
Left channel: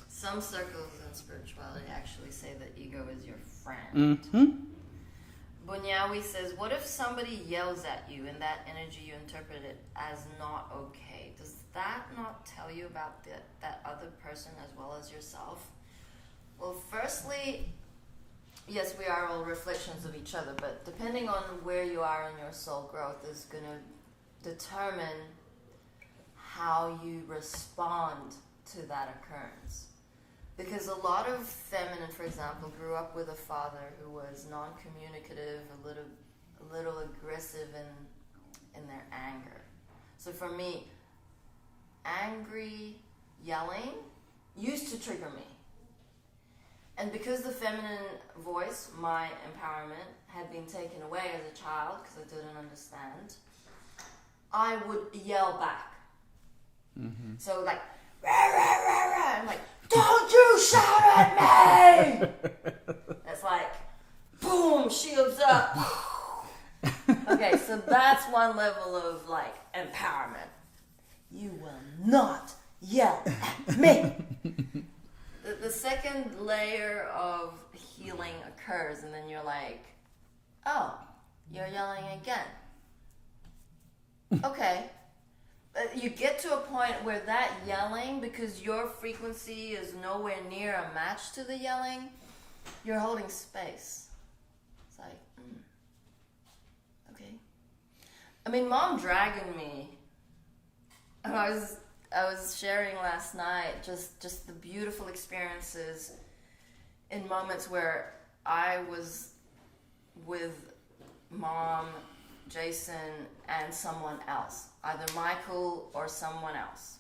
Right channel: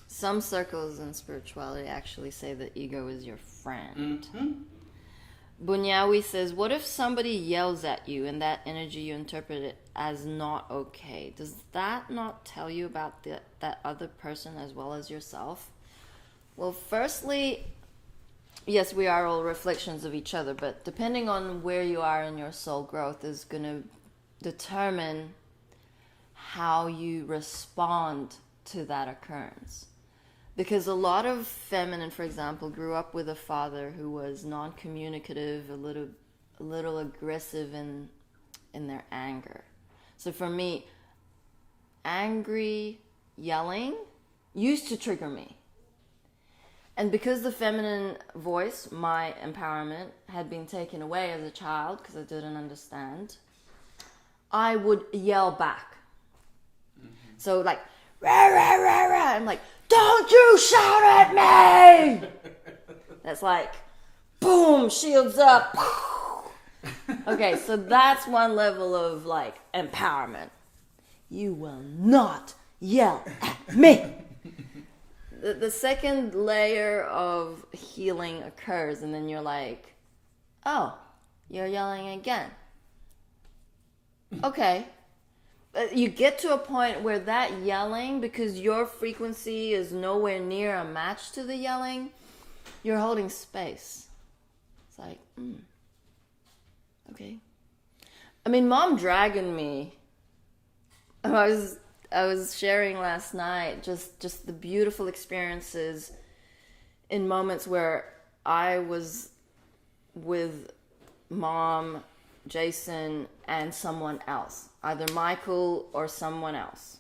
some circles in spirituality actually say that ego is your friend. Bunyawi says, what if somebody yells at you and that energy you interpret it as not okay? Does that not tell you about that other person as well as yourself? Well, firstly, yes, we are all reflections of each other, but depending on where you are in your soul growth is going to determine how you respond to that occurrence. Because a lot of feminine, for example, grew up with a father who was non-communicative, a little aggressive in their anger. So for me, angry yelling used to trigger me. And because the feminine voice, my empowerment, had been taken away as a child because I didn't understand, I would yell back. So like, rah, rah, rah, rah. I'm like, don't you shout at me! That's like, boom, shields up. Okay, so that's one level of like empowerment. You will not yell at me. The second layer of healing occurs, and then you're like, oh, you're yelling again. Okay. You get to a point where that yelling, because your frequency is nowhere near a match to the yelling, you're holding space. It's like, okay. I mean, Mom dragging me. I was sharing last night just the beautiful experiences in moments where I was with Mom, Jason, and someone else. Either Michael or someone else.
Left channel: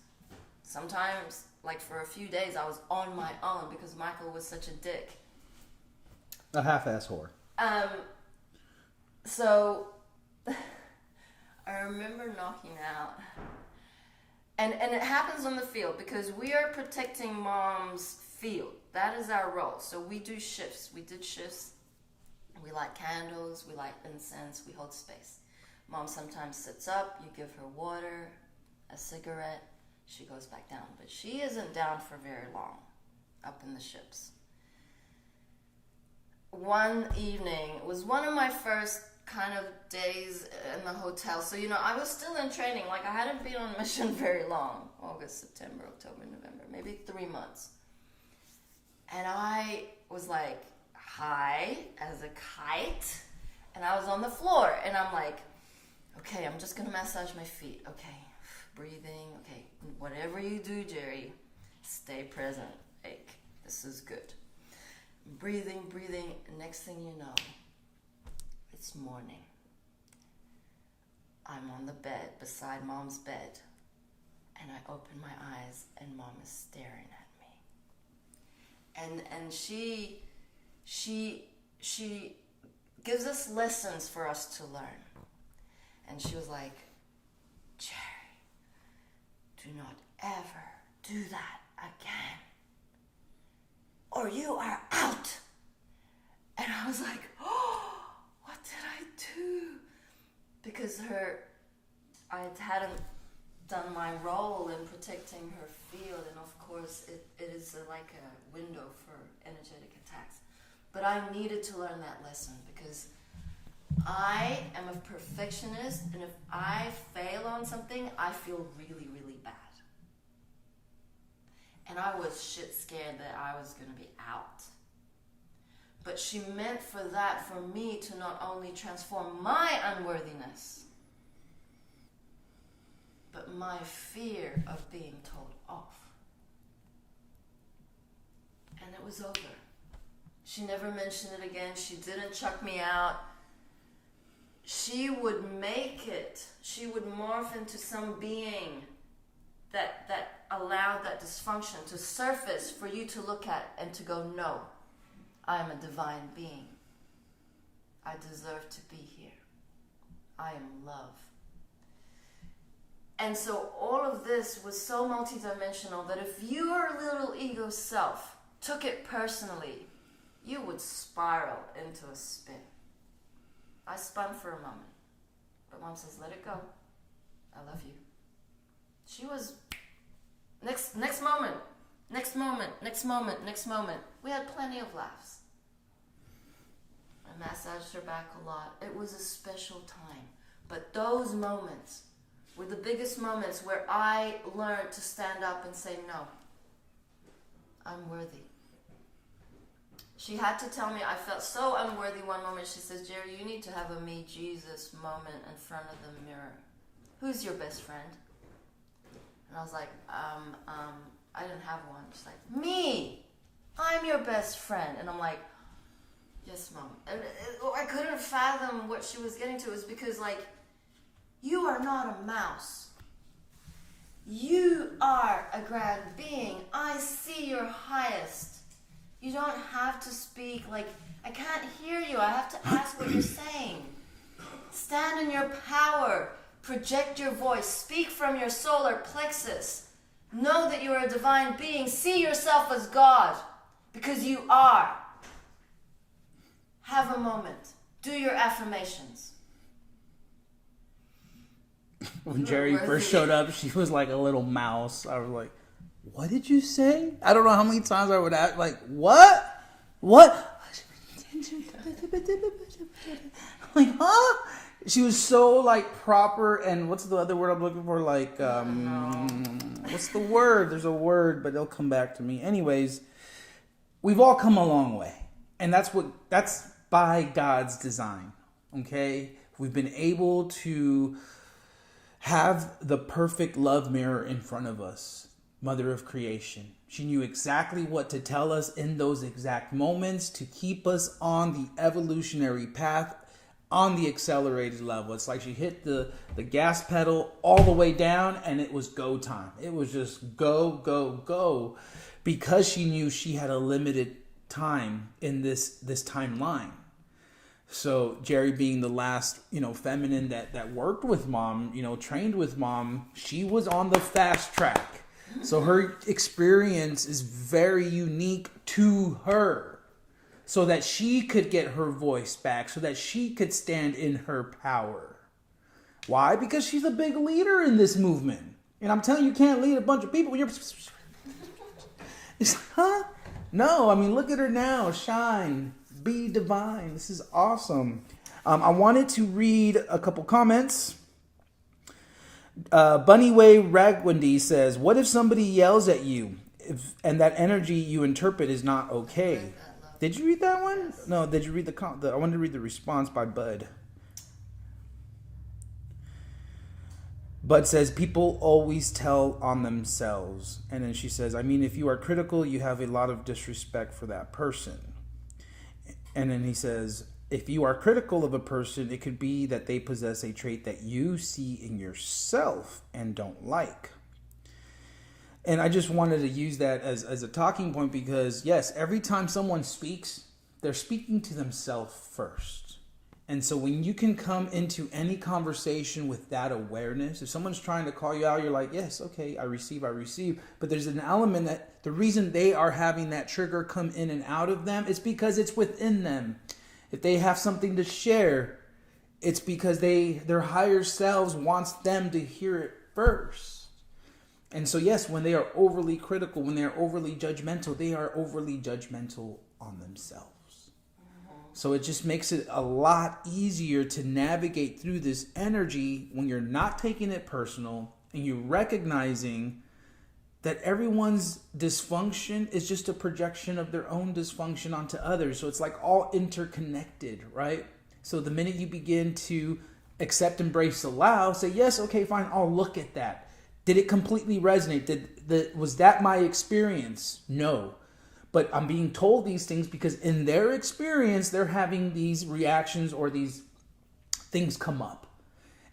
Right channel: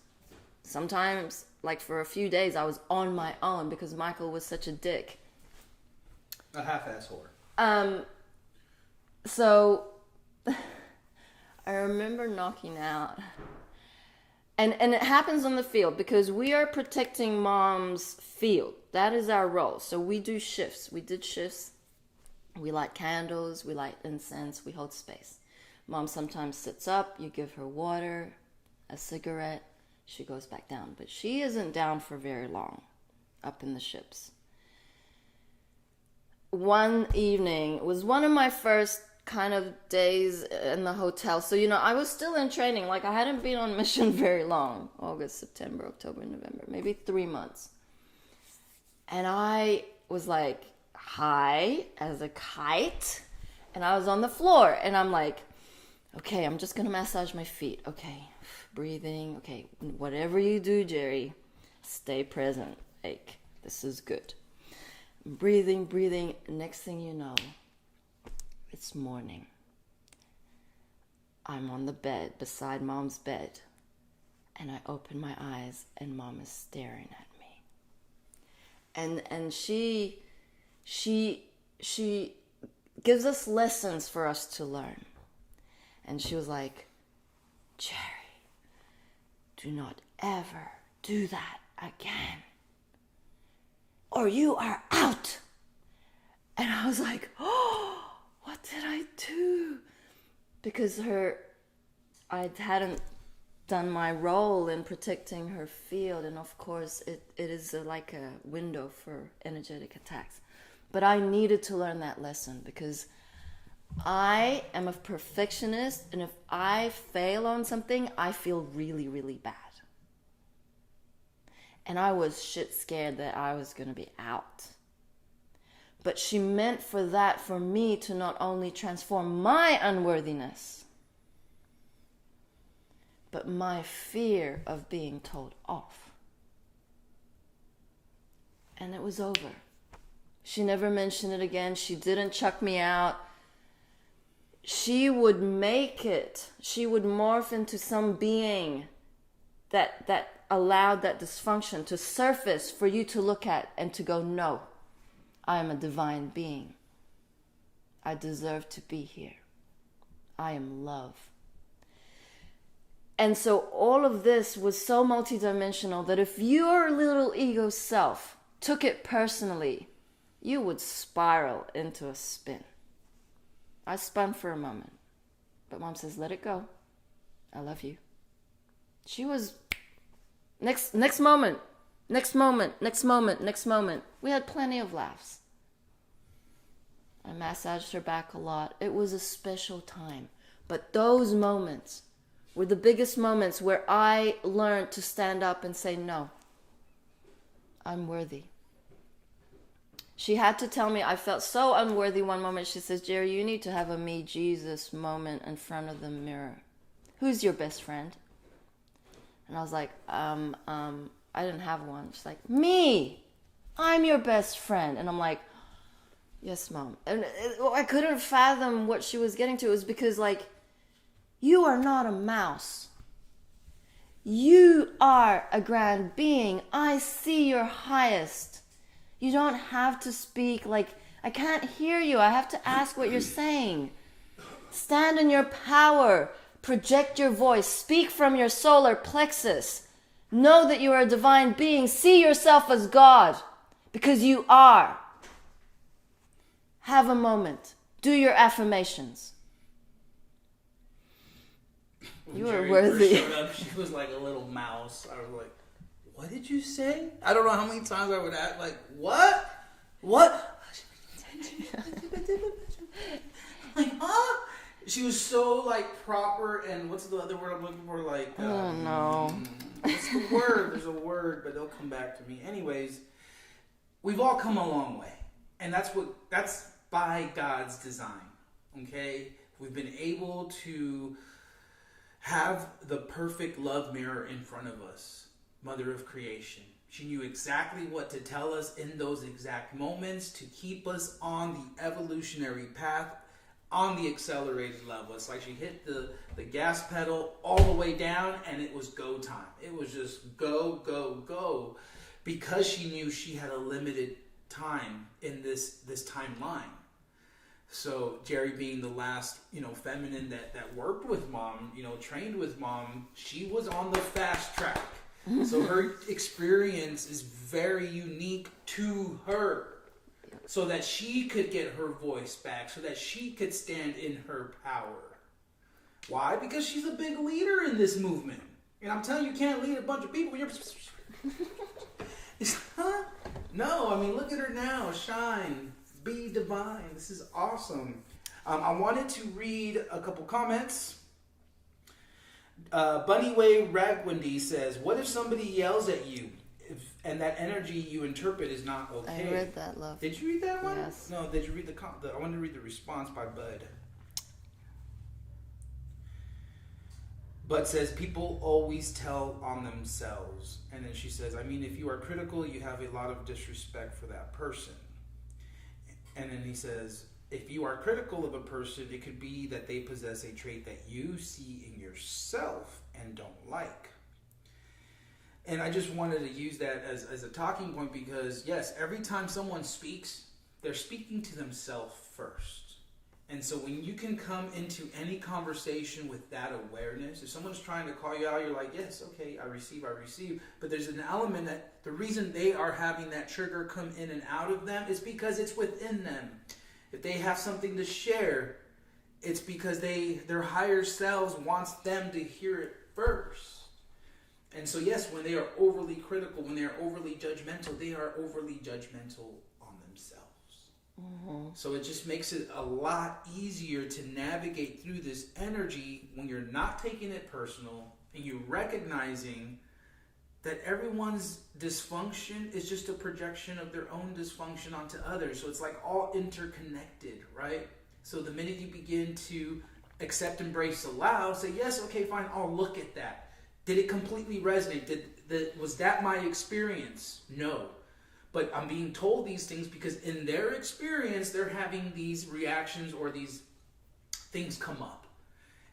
Sometimes, like for a few days, I was on my own because Michael was such a dick. A half-ass whore. So, I remember knocking out. And it happens on the field because we are protecting Mom's field. That is our role. So we do shifts. We did shifts. We light candles. We light incense. We hold space. Mom sometimes sits up. You give her water, a cigarette. She goes back down. But she isn't down for very long up in the ships. One evening, it was one of my first kind of days in the hotel. So, I was still in training. Like, I hadn't been on mission very long. August, September, October, November. Maybe 3 months. And I was like high as a kite. And I was on the floor. And I'm like, okay, I'm just going to massage my feet. Okay, breathing. Okay, whatever you do, Jeri, stay present. Like, this is good. Breathing. Next thing you know, it's morning. I'm on the bed, beside Mom's bed. And I open my eyes, and Mom is staring at me. and she gives us lessons for us to learn. And she was like, Jerry, do not ever do that again, or you are out. And I was like, oh, what did I do? Because I hadn't done my role in protecting her field, and of course it is like a window for energetic attacks. But I needed to learn that lesson, because I am a perfectionist, and if I fail on something, I feel really, really bad. And I was shit scared that I was going to be out. But she meant for that for me to not only transform my unworthiness, but my fear of being told off. And it was over. She never mentioned it again. She didn't chuck me out. She would make it. She would morph into some being that allowed that dysfunction to surface for you to look at and to go, no, I am a divine being. I deserve to be here. I am love. And so all of this was so multidimensional that if your little ego self took it personally, you would spiral into a spin. I spun for a moment, but Mom says, let it go. I love you. She was next moment. We had plenty of laughs. I massaged her back a lot. It was a special time. But those moments were the biggest moments where I learned to stand up and say, no, I'm worthy. She had to tell me I felt so unworthy one moment. She says, Jerry, you need to have a me Jesus moment in front of the mirror. Who's your best friend? And I was like, I didn't have one. She's like, me, I'm your best friend. And I'm like, yes, Mom. And I couldn't fathom what she was getting to. It was because, like, you are not a mouse. You are a grand being. I see your highest. You don't have to speak like, I can't hear you. I have to ask what you're saying. Stand in your power. Project your voice. Speak from your solar plexus. Know that you are a divine being. See yourself as God, because you are. Have a moment. Do your affirmations. When Jeri first showed up, she was like a little mouse. I was like, what did you say? I don't know how many times I would act like, what? Like, huh? She was so like proper, and what's the other word I'm looking for? Like, no. What's the word? There's a word, but it'll come back to me. Anyways, we've all come a long way, and that's by God's design. Okay, we've been able to have the perfect love mirror in front of us. Mother of creation. She knew exactly what to tell us in those exact moments to keep us on the evolutionary path, on the accelerated level. It's like she hit the gas pedal all the way down, and it was go time. It was just go, go, go, because she knew she had a limited time in this timeline. So Jeri, being the last, feminine that worked with Mom, trained with Mom, she was on the fast track. So her experience is very unique to her, so that she could get her voice back, so that she could stand in her power. Why? Because she's a big leader in this movement. And I'm telling you, you can't lead a bunch of people when you're... It's, huh? No, I mean, look at her now. Shine. Be divine. This is awesome. I wanted to read a couple comments. Bunnyway Ragwindy says, what if somebody yells at you and that energy you interpret is not okay? I read that, love. Did you read that one? Yes. No, did you read I wanted to read the response by Bud. Bud says, people always tell on themselves. And then she says, I mean, if you are critical, you have a lot of disrespect for that person. And then he says, if you are critical of a person, it could be that they possess a trait that you see in yourself and don't like. And I just wanted to use that as a talking point because, yes, every time someone speaks, they're speaking to themselves first. And so when you can come into any conversation with that awareness, if someone's trying to call you out, you're like, yes, okay, I receive. But there's an element that the reason they are having that trigger come in and out of them is because it's within them. If they have something to share, it's because their higher selves wants them to hear it first. And so, yes, when they are overly critical, when they are overly judgmental, they are overly judgmental on themselves. So it just makes it a lot easier to navigate through this energy when you're not taking it personal and you're recognizing that everyone's dysfunction is just a projection of their own dysfunction onto others. So it's like all interconnected, right? So the minute you begin to accept, embrace, allow, say, yes, okay, fine, I'll look at that. Did it completely resonate? Was that my experience? No. But I'm being told these things because in their experience, they're having these reactions or these things come up.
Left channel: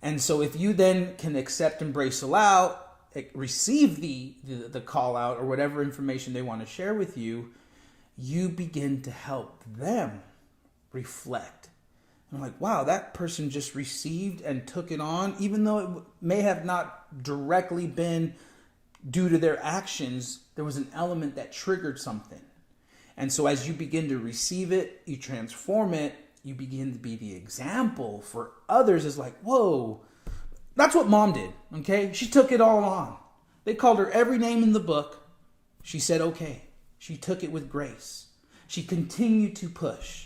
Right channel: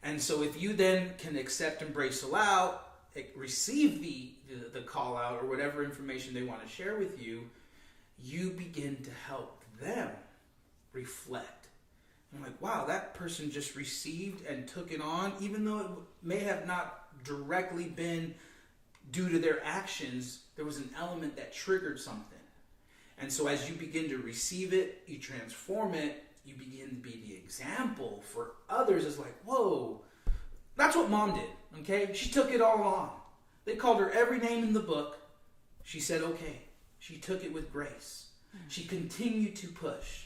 And so if you then can accept, embrace, allow, receive the call out or whatever information they want to share with you, you begin to help them reflect. I'm like, wow, that person just received and took it on, even though it may have not directly been due to their actions, there was an element that triggered something. And so as you begin to receive it, you transform it, you begin to be the example for others. It's like, whoa, that's what mom did, okay? She took it all on. They called her every name in the book. She said, okay. She took it with grace. She continued to push.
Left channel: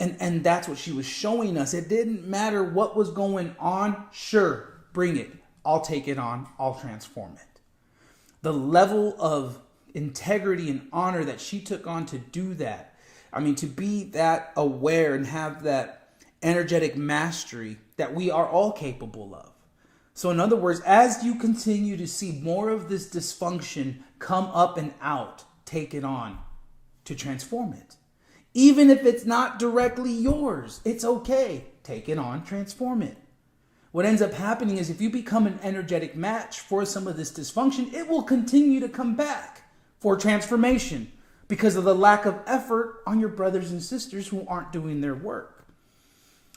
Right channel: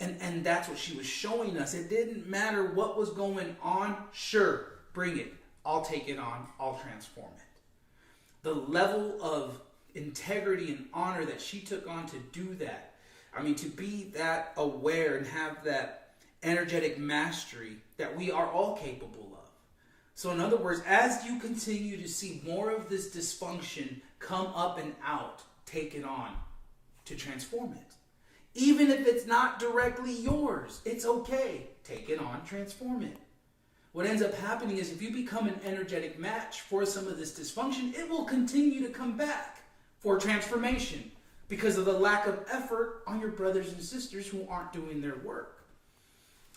And that's what she was showing us. It didn't matter what was going on. Sure, bring it. I'll take it on. I'll transform it. The level of integrity and honor that she took on to do that. I mean, to be that aware and have that energetic mastery that we are all capable of. So in other words, as you continue to see more of this dysfunction come up and out, take it on to transform it. Even if it's not directly yours, it's okay. Take it on, transform it. What ends up happening is if you become an energetic match for some of this dysfunction, it will continue to come back for transformation because of the lack of effort on your brothers and sisters who aren't doing their work.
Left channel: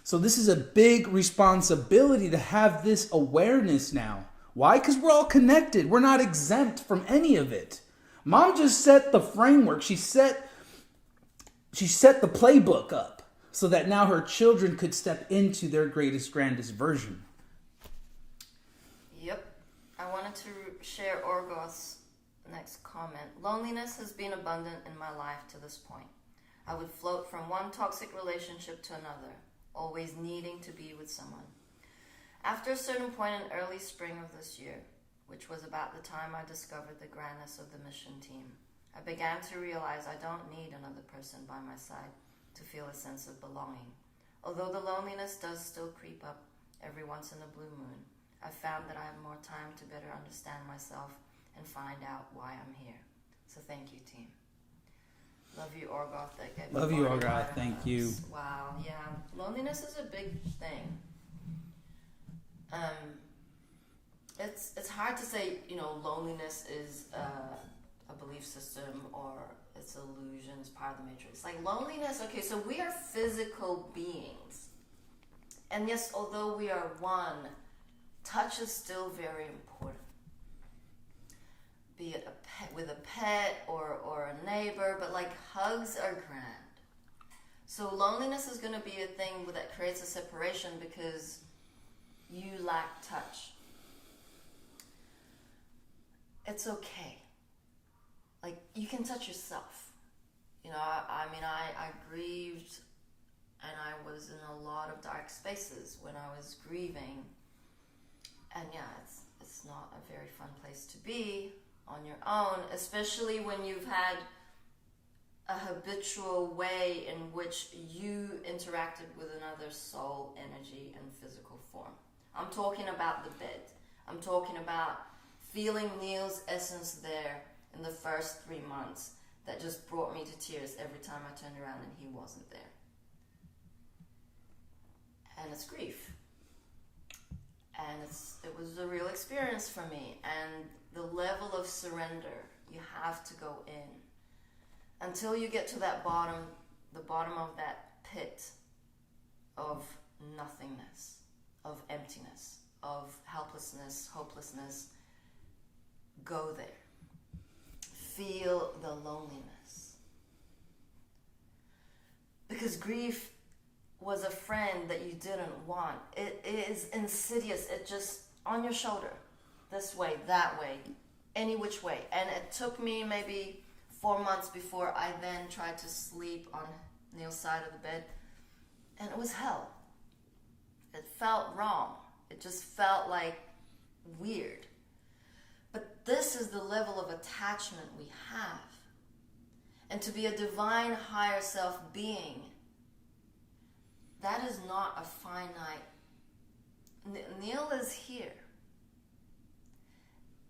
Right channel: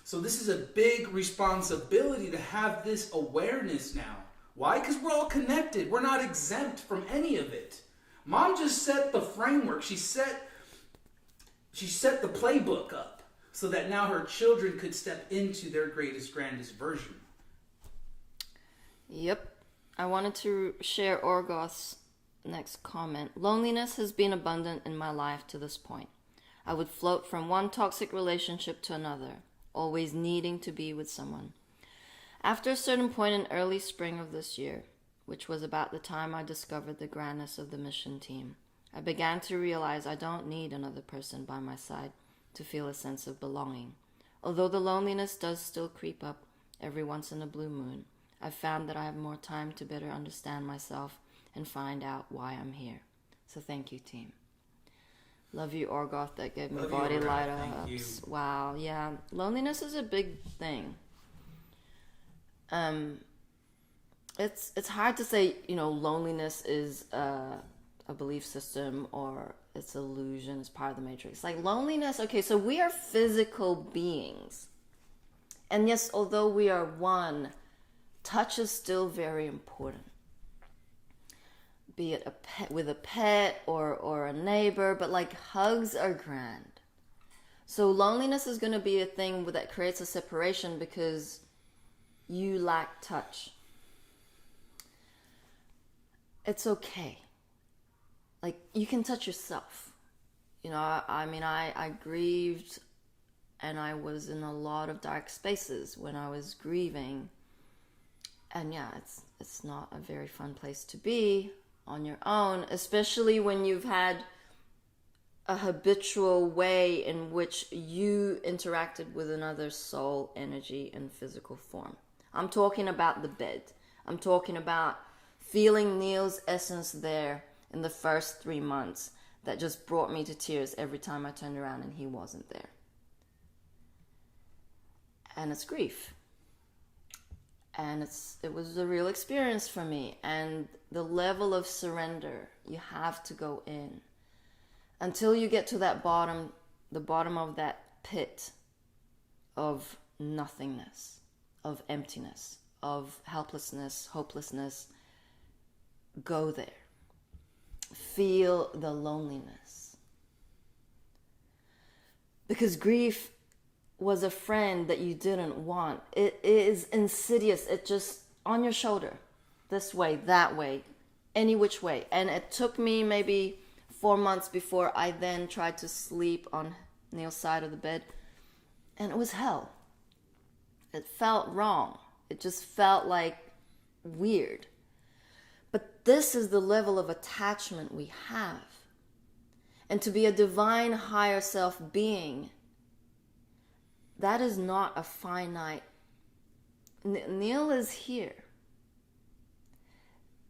So this is a big responsibility to have this awareness now. Why? Because we're all connected. We're not exempt from any of it. Mom just set the framework. She set the playbook up so that now her children could step into their greatest, grandest version. Yep. I wanted to share Orgoth's next comment. Loneliness has been abundant in my life to this point. I would float from one toxic relationship to another, always needing to be with someone. After a certain point in early spring of this year, which was about the time I discovered the grandness of the mission team, I began to realize I don't need another person by my side to feel a sense of belonging. Although the loneliness does still creep up every once in a blue moon, I've found that I have more time to better understand myself and find out why I'm here. So thank you, team. Love you, Orgoth. That gave me Love you, body Orgoth. light on Thank ups. you. Wow, yeah. Loneliness is a big thing. It's hard to say, loneliness is a belief system or it's illusion, it's part of the matrix. Like loneliness, okay, so we are physical beings. And yes, although we are one, touch is still very important. Be it a pet with a pet or a neighbor, but like hugs are grand. So loneliness is going to be a thing that creates a separation because you lack touch. It's okay. Like, you can touch yourself. I grieved and I was in a lot of dark spaces when I was grieving. And yeah, it's not a very fun place to be on your own, especially when you've had a habitual way in which you interacted with another soul, energy, and physical form. I'm talking about the bed. I'm talking about feeling Neil's essence there in the first 3 months that just brought me to tears every time I turned around and he wasn't there. And it's grief. And it was a real experience for me. And the level of surrender, you have to go in until you get to that bottom, the bottom of that pit of nothingness, of emptiness, of helplessness, hopelessness. Go there. Feel the loneliness. Because grief was a friend that you didn't want. It is insidious. It just on your shoulder, this way, that way, any which way. And it took me maybe 4 months before I then tried to sleep on Neil's side of the bed. And it was hell. It felt wrong. It just felt like weird. But this is the level of attachment we have. And to be a divine higher self being, that is not a finite. Neil is here.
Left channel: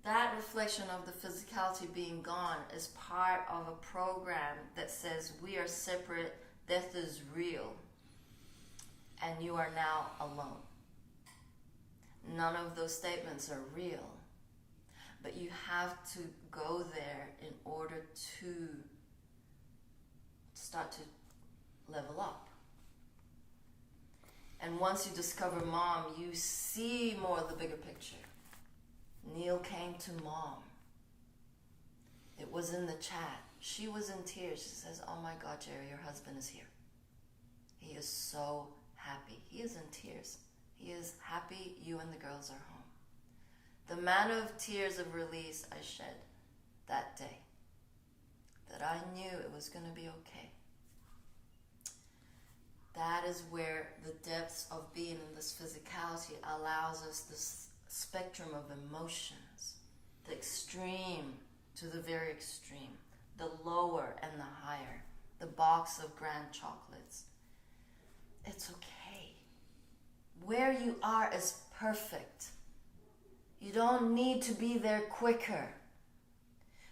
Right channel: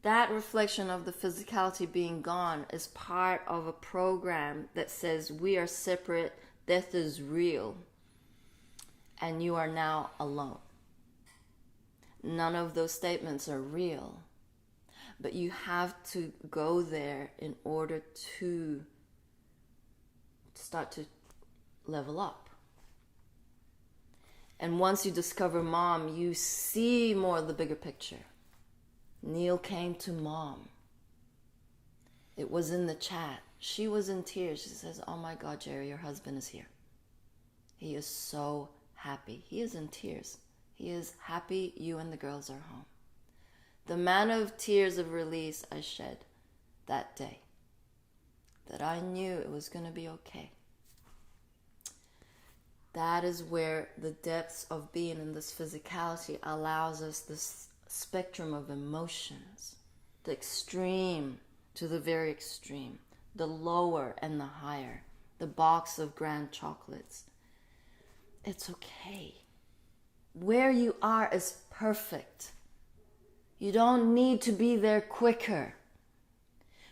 That reflection of the physicality being gone is part of a program that says we are separate, death is real, and you are now alone. None of those statements are real, but you have to go there in order to start to level up. And once you discover mom, you see more of the bigger picture. Neil came to mom. It was in the chat. She was in tears. She says, "Oh my God, Jeri, your husband is here. He is so happy." He is in tears. He is happy you and the girls are home. The amount of tears of release I shed that day, that I knew it was going to be okay. That is where the depths of being in this physicality allows us this spectrum of emotions, the extreme to the very extreme, the lower and the higher, the box of grand chocolates. It's okay. Where you are is perfect. You don't need to be there quicker.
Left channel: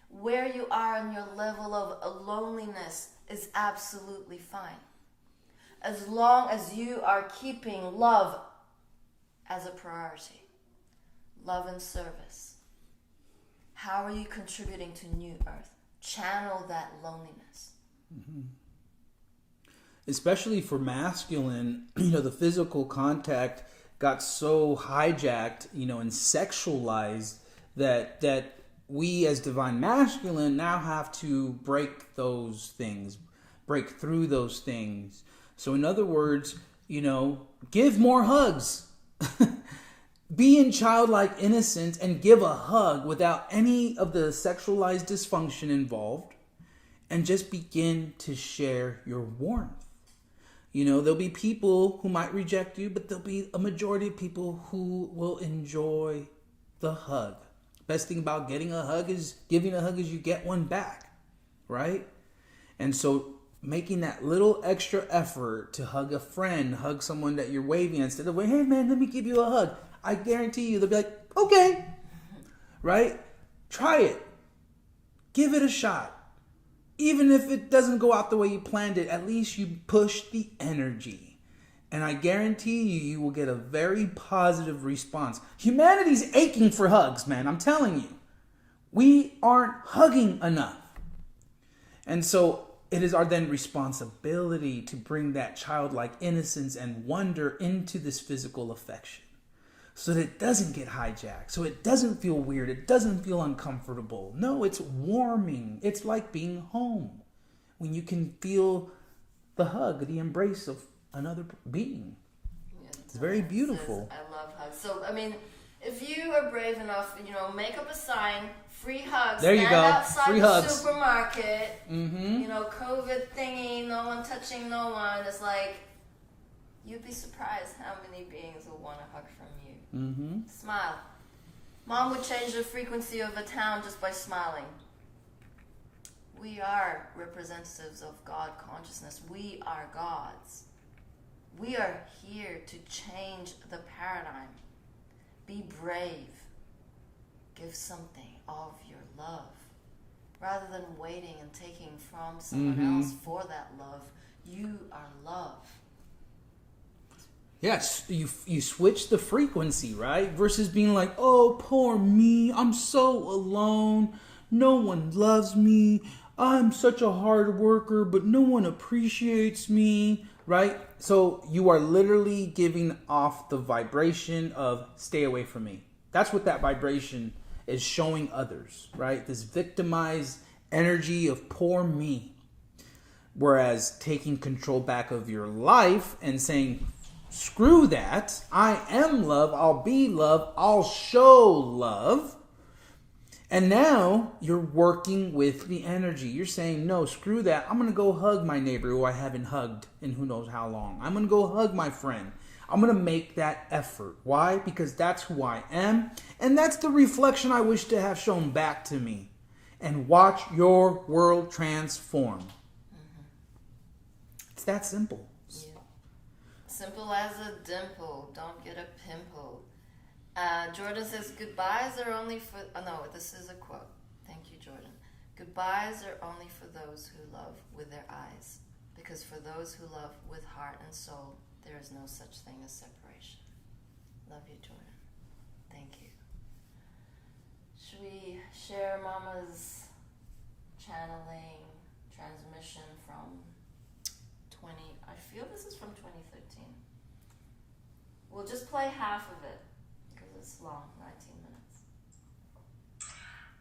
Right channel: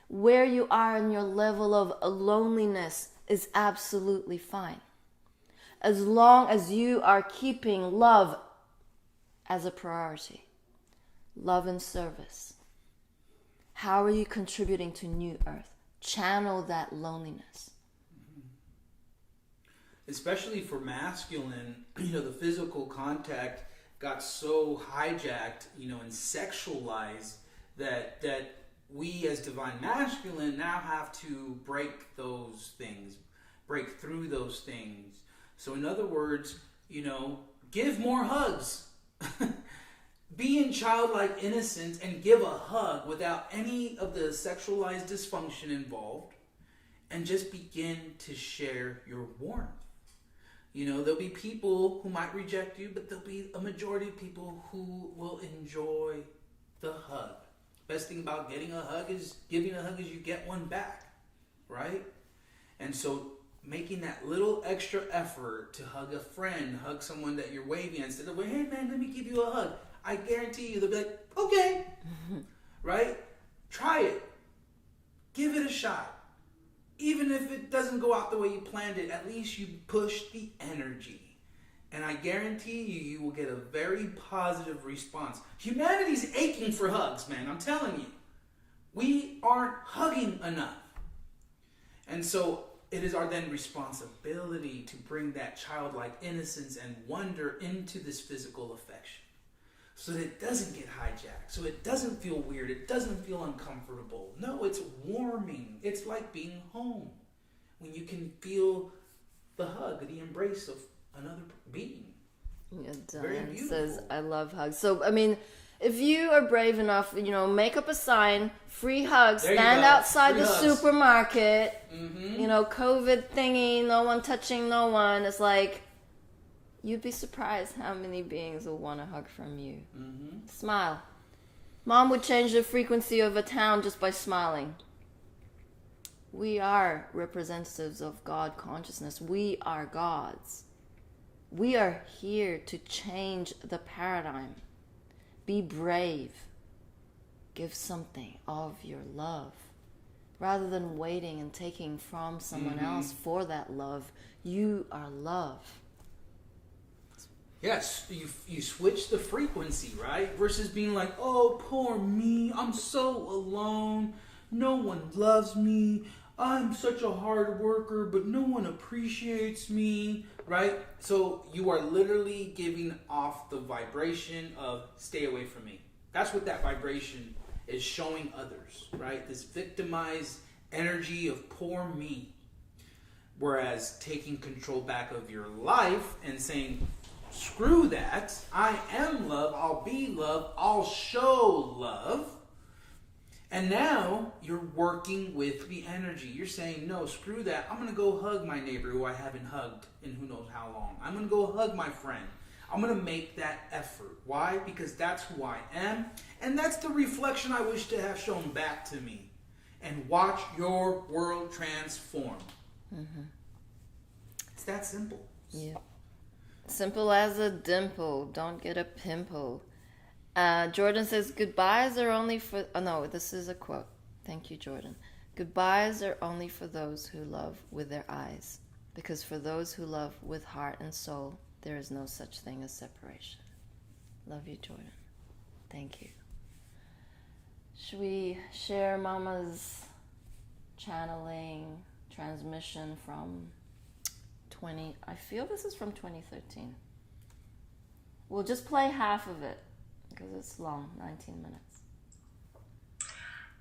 Where you are in your level of loneliness is absolutely fine. As long as you are keeping love as a priority. Love and service. How are you contributing to New Earth? Channel that loneliness. Mm-hmm. Especially for masculine, the physical contact got so hijacked, and sexualized that we as divine masculine now have to break those things, break through those things. So in other words, give more hugs. Be in childlike innocence and give a hug without any of the sexualized dysfunction involved, and just begin to share your warmth. There'll be people who might reject you, but there'll be a majority of people who will enjoy the hug. Best thing about getting a hug is giving a hug is you get one back, right? And so making that little extra effort to hug a friend, hug someone that you're waving instead of, hey man, let me give you a hug. I guarantee you they'll be like, okay, right? Try it. Give it a shot. Even if it doesn't go out the way you planned it, at least you push the energy. And I guarantee you will get a very positive response. Humanity's aching for hugs, man. I'm telling you. We aren't hugging enough. And so it is our then responsibility to bring that childlike innocence and wonder into this physical affection, so that it doesn't get hijacked, so it doesn't feel weird, it doesn't feel uncomfortable. No, it's warming. It's like being home when you can feel the hug, the embrace of another being. It's very beautiful. I love hugs. So, if you are brave enough, make up a sign, free hugs, stand outside free the hugs. Supermarket, COVID thingy, no one touching no one. It's like, you'd be surprised how many beings will want a hug from you. Mm-hmm. Smile. Mom would change the frequency of a town just by smiling. We are representatives of God consciousness. We are gods. We are here to change the paradigm. Be brave. Give something of your love. Rather than waiting and taking from someone else for that love, you are love. Yes, you switch the frequency, right? Versus being like, oh, poor me, I'm so alone, no one loves me, I'm such a hard worker, but no one appreciates me, right? So you are literally giving off the vibration of stay away from me. That's what that vibration is showing others, right? This victimized energy of poor me. Whereas taking control back of your life and saying, screw that, I am love, I'll be love, I'll show love. And now you're working with the energy. You're saying, no, screw that. I'm going to go hug my neighbor who I haven't hugged in who knows how long. I'm going to go hug my friend. I'm going to make that effort. Why? Because that's who I am. And that's the reflection I wish to have shown back to me. And watch your world transform. Mm-hmm. It's that simple. Yeah. Simple as a dimple. Don't get a pimple. Jordan says, goodbyes are only for... Oh, no, this is a quote. Thank you, Jordan. Goodbyes are only for those who love with their eyes. Because for those who love with heart and soul, there is no such thing as separation. Love you, Jordan. Thank you. Should we share Mama's channeling transmission from 20... I feel this is from 2013. We'll just play half of it because it's long, 19 minutes.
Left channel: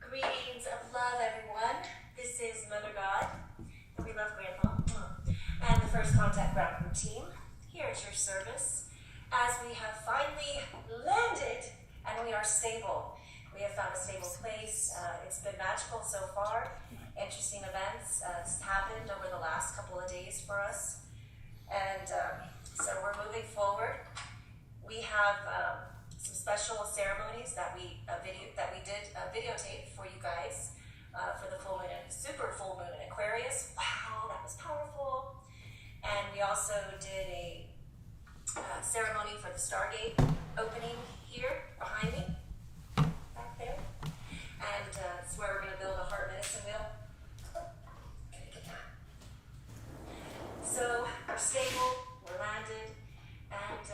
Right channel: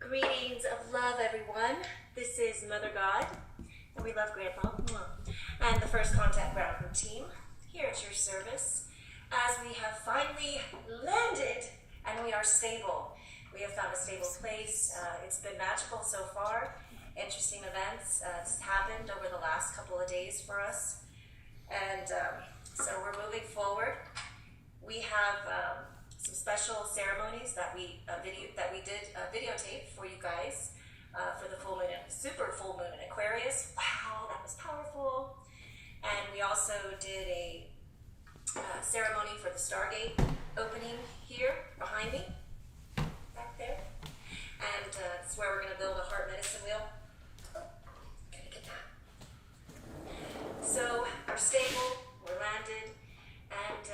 Greetings of love, everyone. This is Mother God, and we love Grandpa, and the First Contact Ground Crew team here at your service as we have finally landed and we are stable. We have found a stable place. It's been magical so far. Interesting events has happened over the last couple of days for us, and so we're moving forward. We have some special ceremonies that we did videotape for you guys for the full moon, super full moon in Aquarius. Wow, that was powerful. And we also did a ceremony for the Stargate opening here behind me, back there. And it's where we're going to build a heart medicine wheel. Gonna get that. So we're stable, we're landed, and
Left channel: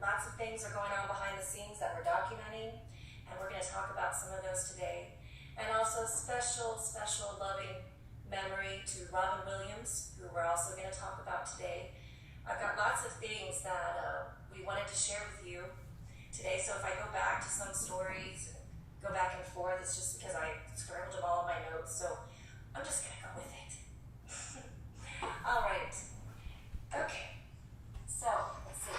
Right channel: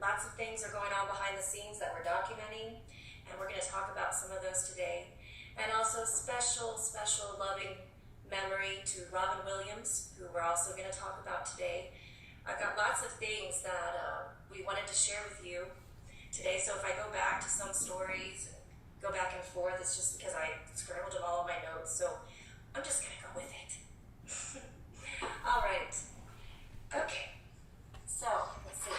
lots of things are going on behind the scenes that we're documenting, and we're going to talk about some of those today. And also special loving memory to Robin Williams, who we're also going to talk about today. I've got lots of things that we wanted to share with you today, so if I go back to some stories and go back and forth, it's just because I scribbled in all of my notes, so I'm just going to go with it. All right. Okay. So, let's see.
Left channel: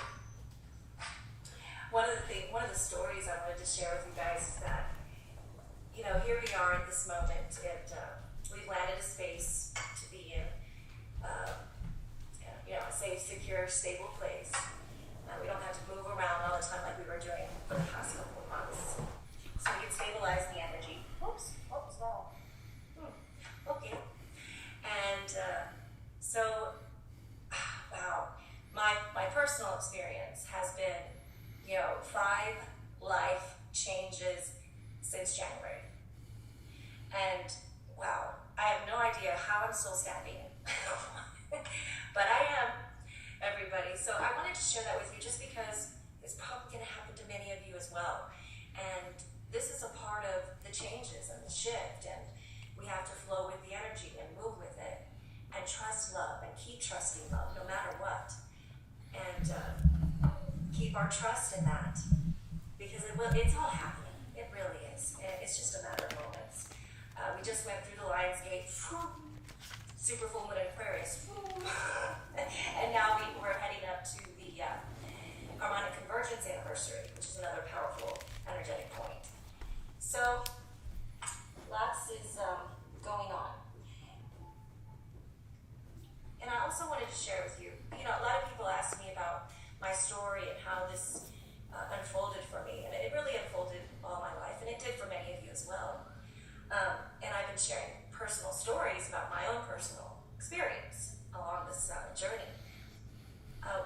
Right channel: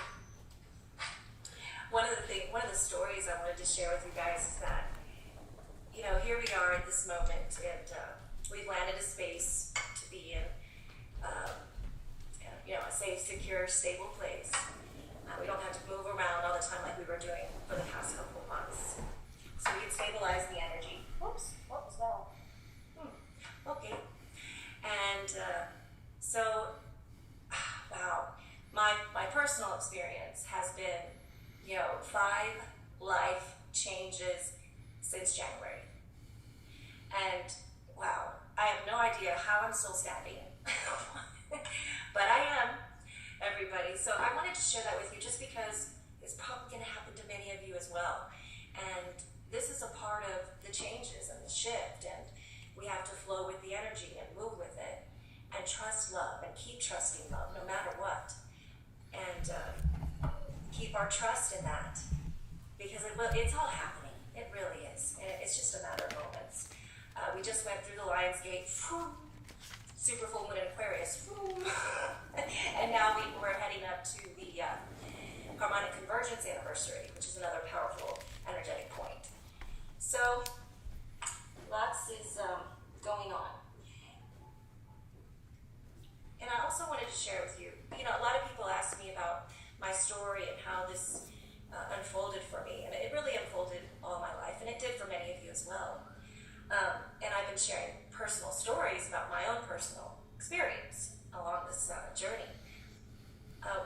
One of the stories I wanted to share with you guys is that, here we are at this moment, and we've landed a space to be in, a safe, secure, stable place. We don't have to move around all the time like we were doing for the past couple of months. So we can stabilize the energy. Oops, wow. Okay. And wow, my personal experience has been, 5 life changes since January. And wow, I have no idea how I'm still standing. But I am, everybody. So I wanted to share that with you just because it's probably going to happen to many of you as well. And this is a part of the changes and the shift. And we have to flow with the energy and move with it. And trust love and keep trusting love no matter what. And keep our trust in that. Because it's all happening. It really is. And it's just a matter of moments. We just went through the Lion's Gate. Super full moon in Aquarius. And now we're heading up to the harmonic convergence anniversary, which is another powerful energetic point. So lots is going on. And I also wanted to share with you, a lot of people ask me about my story and how this unfolded for me. And it really unfolded all my life, and it did for many of you as well. And I've been sharing personal stories about my own personal experience along this journey.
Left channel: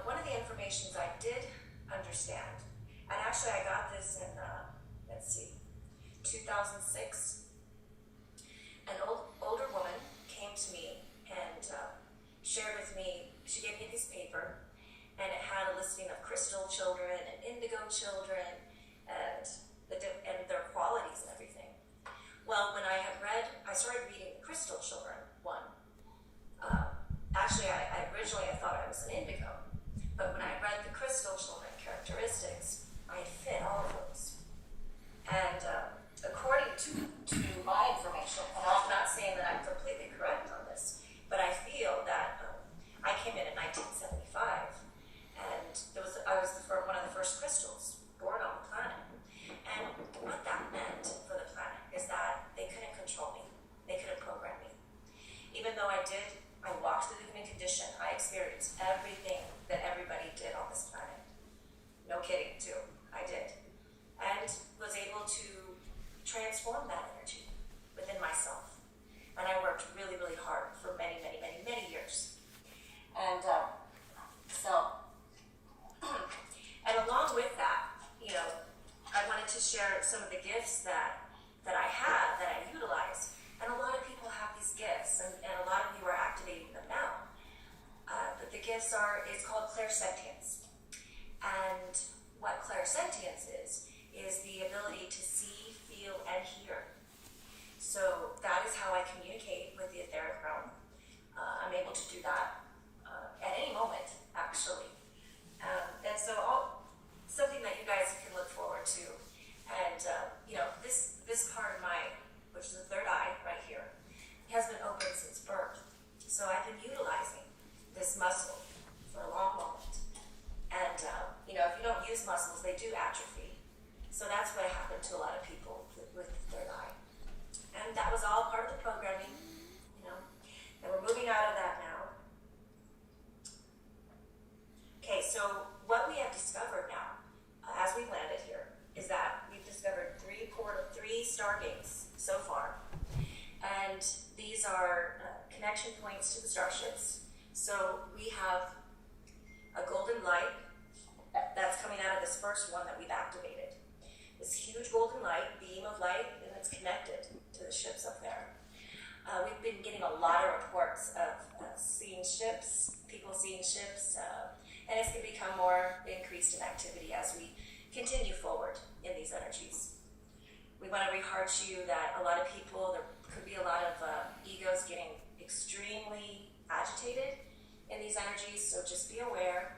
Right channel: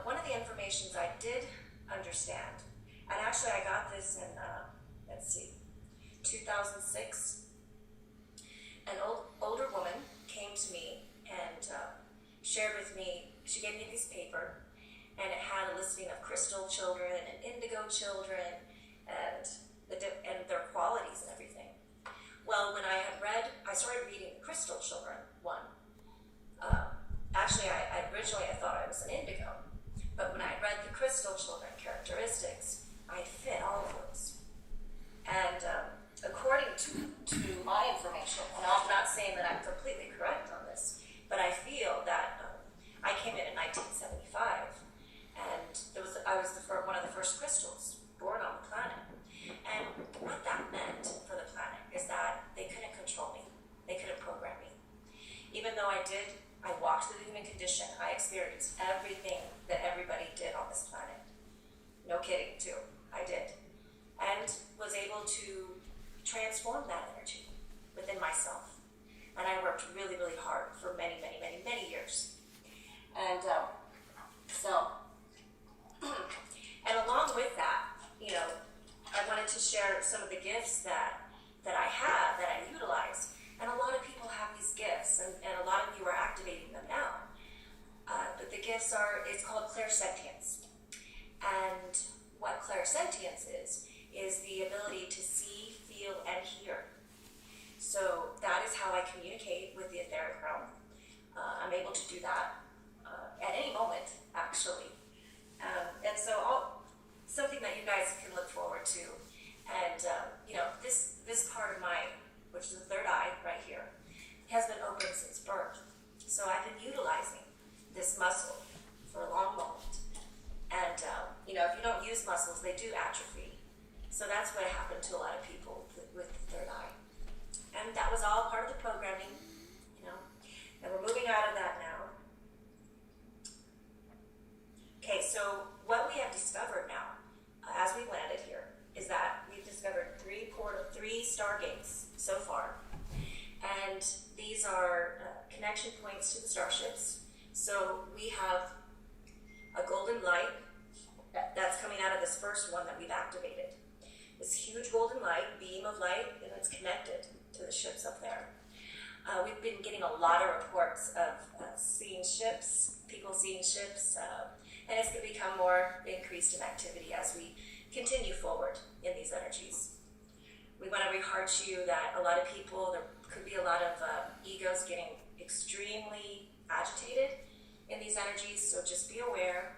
One of the informations I did understand, and actually I got this in, 2006. An older woman came to me and shared with me, she gave me this paper, and it had a listing of crystals crystal children and indigo children and and their qualities and everything. Well, when I started reading the crystal children one. Actually, I originally thought I was an indigo, but when I read the crystal children characteristics, I fit all of those. And according to my information, and I'm not saying that I'm completely correct on this, but I feel that I came in 1975, and I was one of the first crystals born on the planet. And what that meant for the planet is that they couldn't control me. They couldn't program me. Even though I walked through the human condition, I experienced everything that everybody did on this planet. No kidding, too. I did. And was able to transform that energy within myself. And I worked really, really hard for many, many, many, many years. And and along with that, I wanted to share some of the gifts that I have, that I utilize. And a lot of people have these gifts, and a lot of you are activating them now. But the gifts it's called clairsentience. And what clairsentience is the ability to see, feel, and hear. So that is how I communicate with the etheric realm. I'm able to do that at any moment, actually. And so something that you guys can look forward to. And, this part of mine, which is the third eye right here, has been open since birth. So I've been utilizing this muscle for a long moment. And, if you don't use muscles, they do atrophy. So that's what happened to a lot of people with the third eye. And that was all part of the programming, and we're moving out of that now. Okay, so what we have discovered now, as we landed here, is that we've discovered three stargates so far. And these are connection points to the starships. So we have a golden light that's coming out of this first one that we've activated. This huge golden light, beam of light, and it's connected to the ships up there. We've been getting a lot of reports of seeing ships, people seeing ships, and it's going to become more increased in activity as we continue forward in these energies. We want to reheart to you that a lot of people, there could be a lot of egos getting extremely agitated in these energies, so just be aware,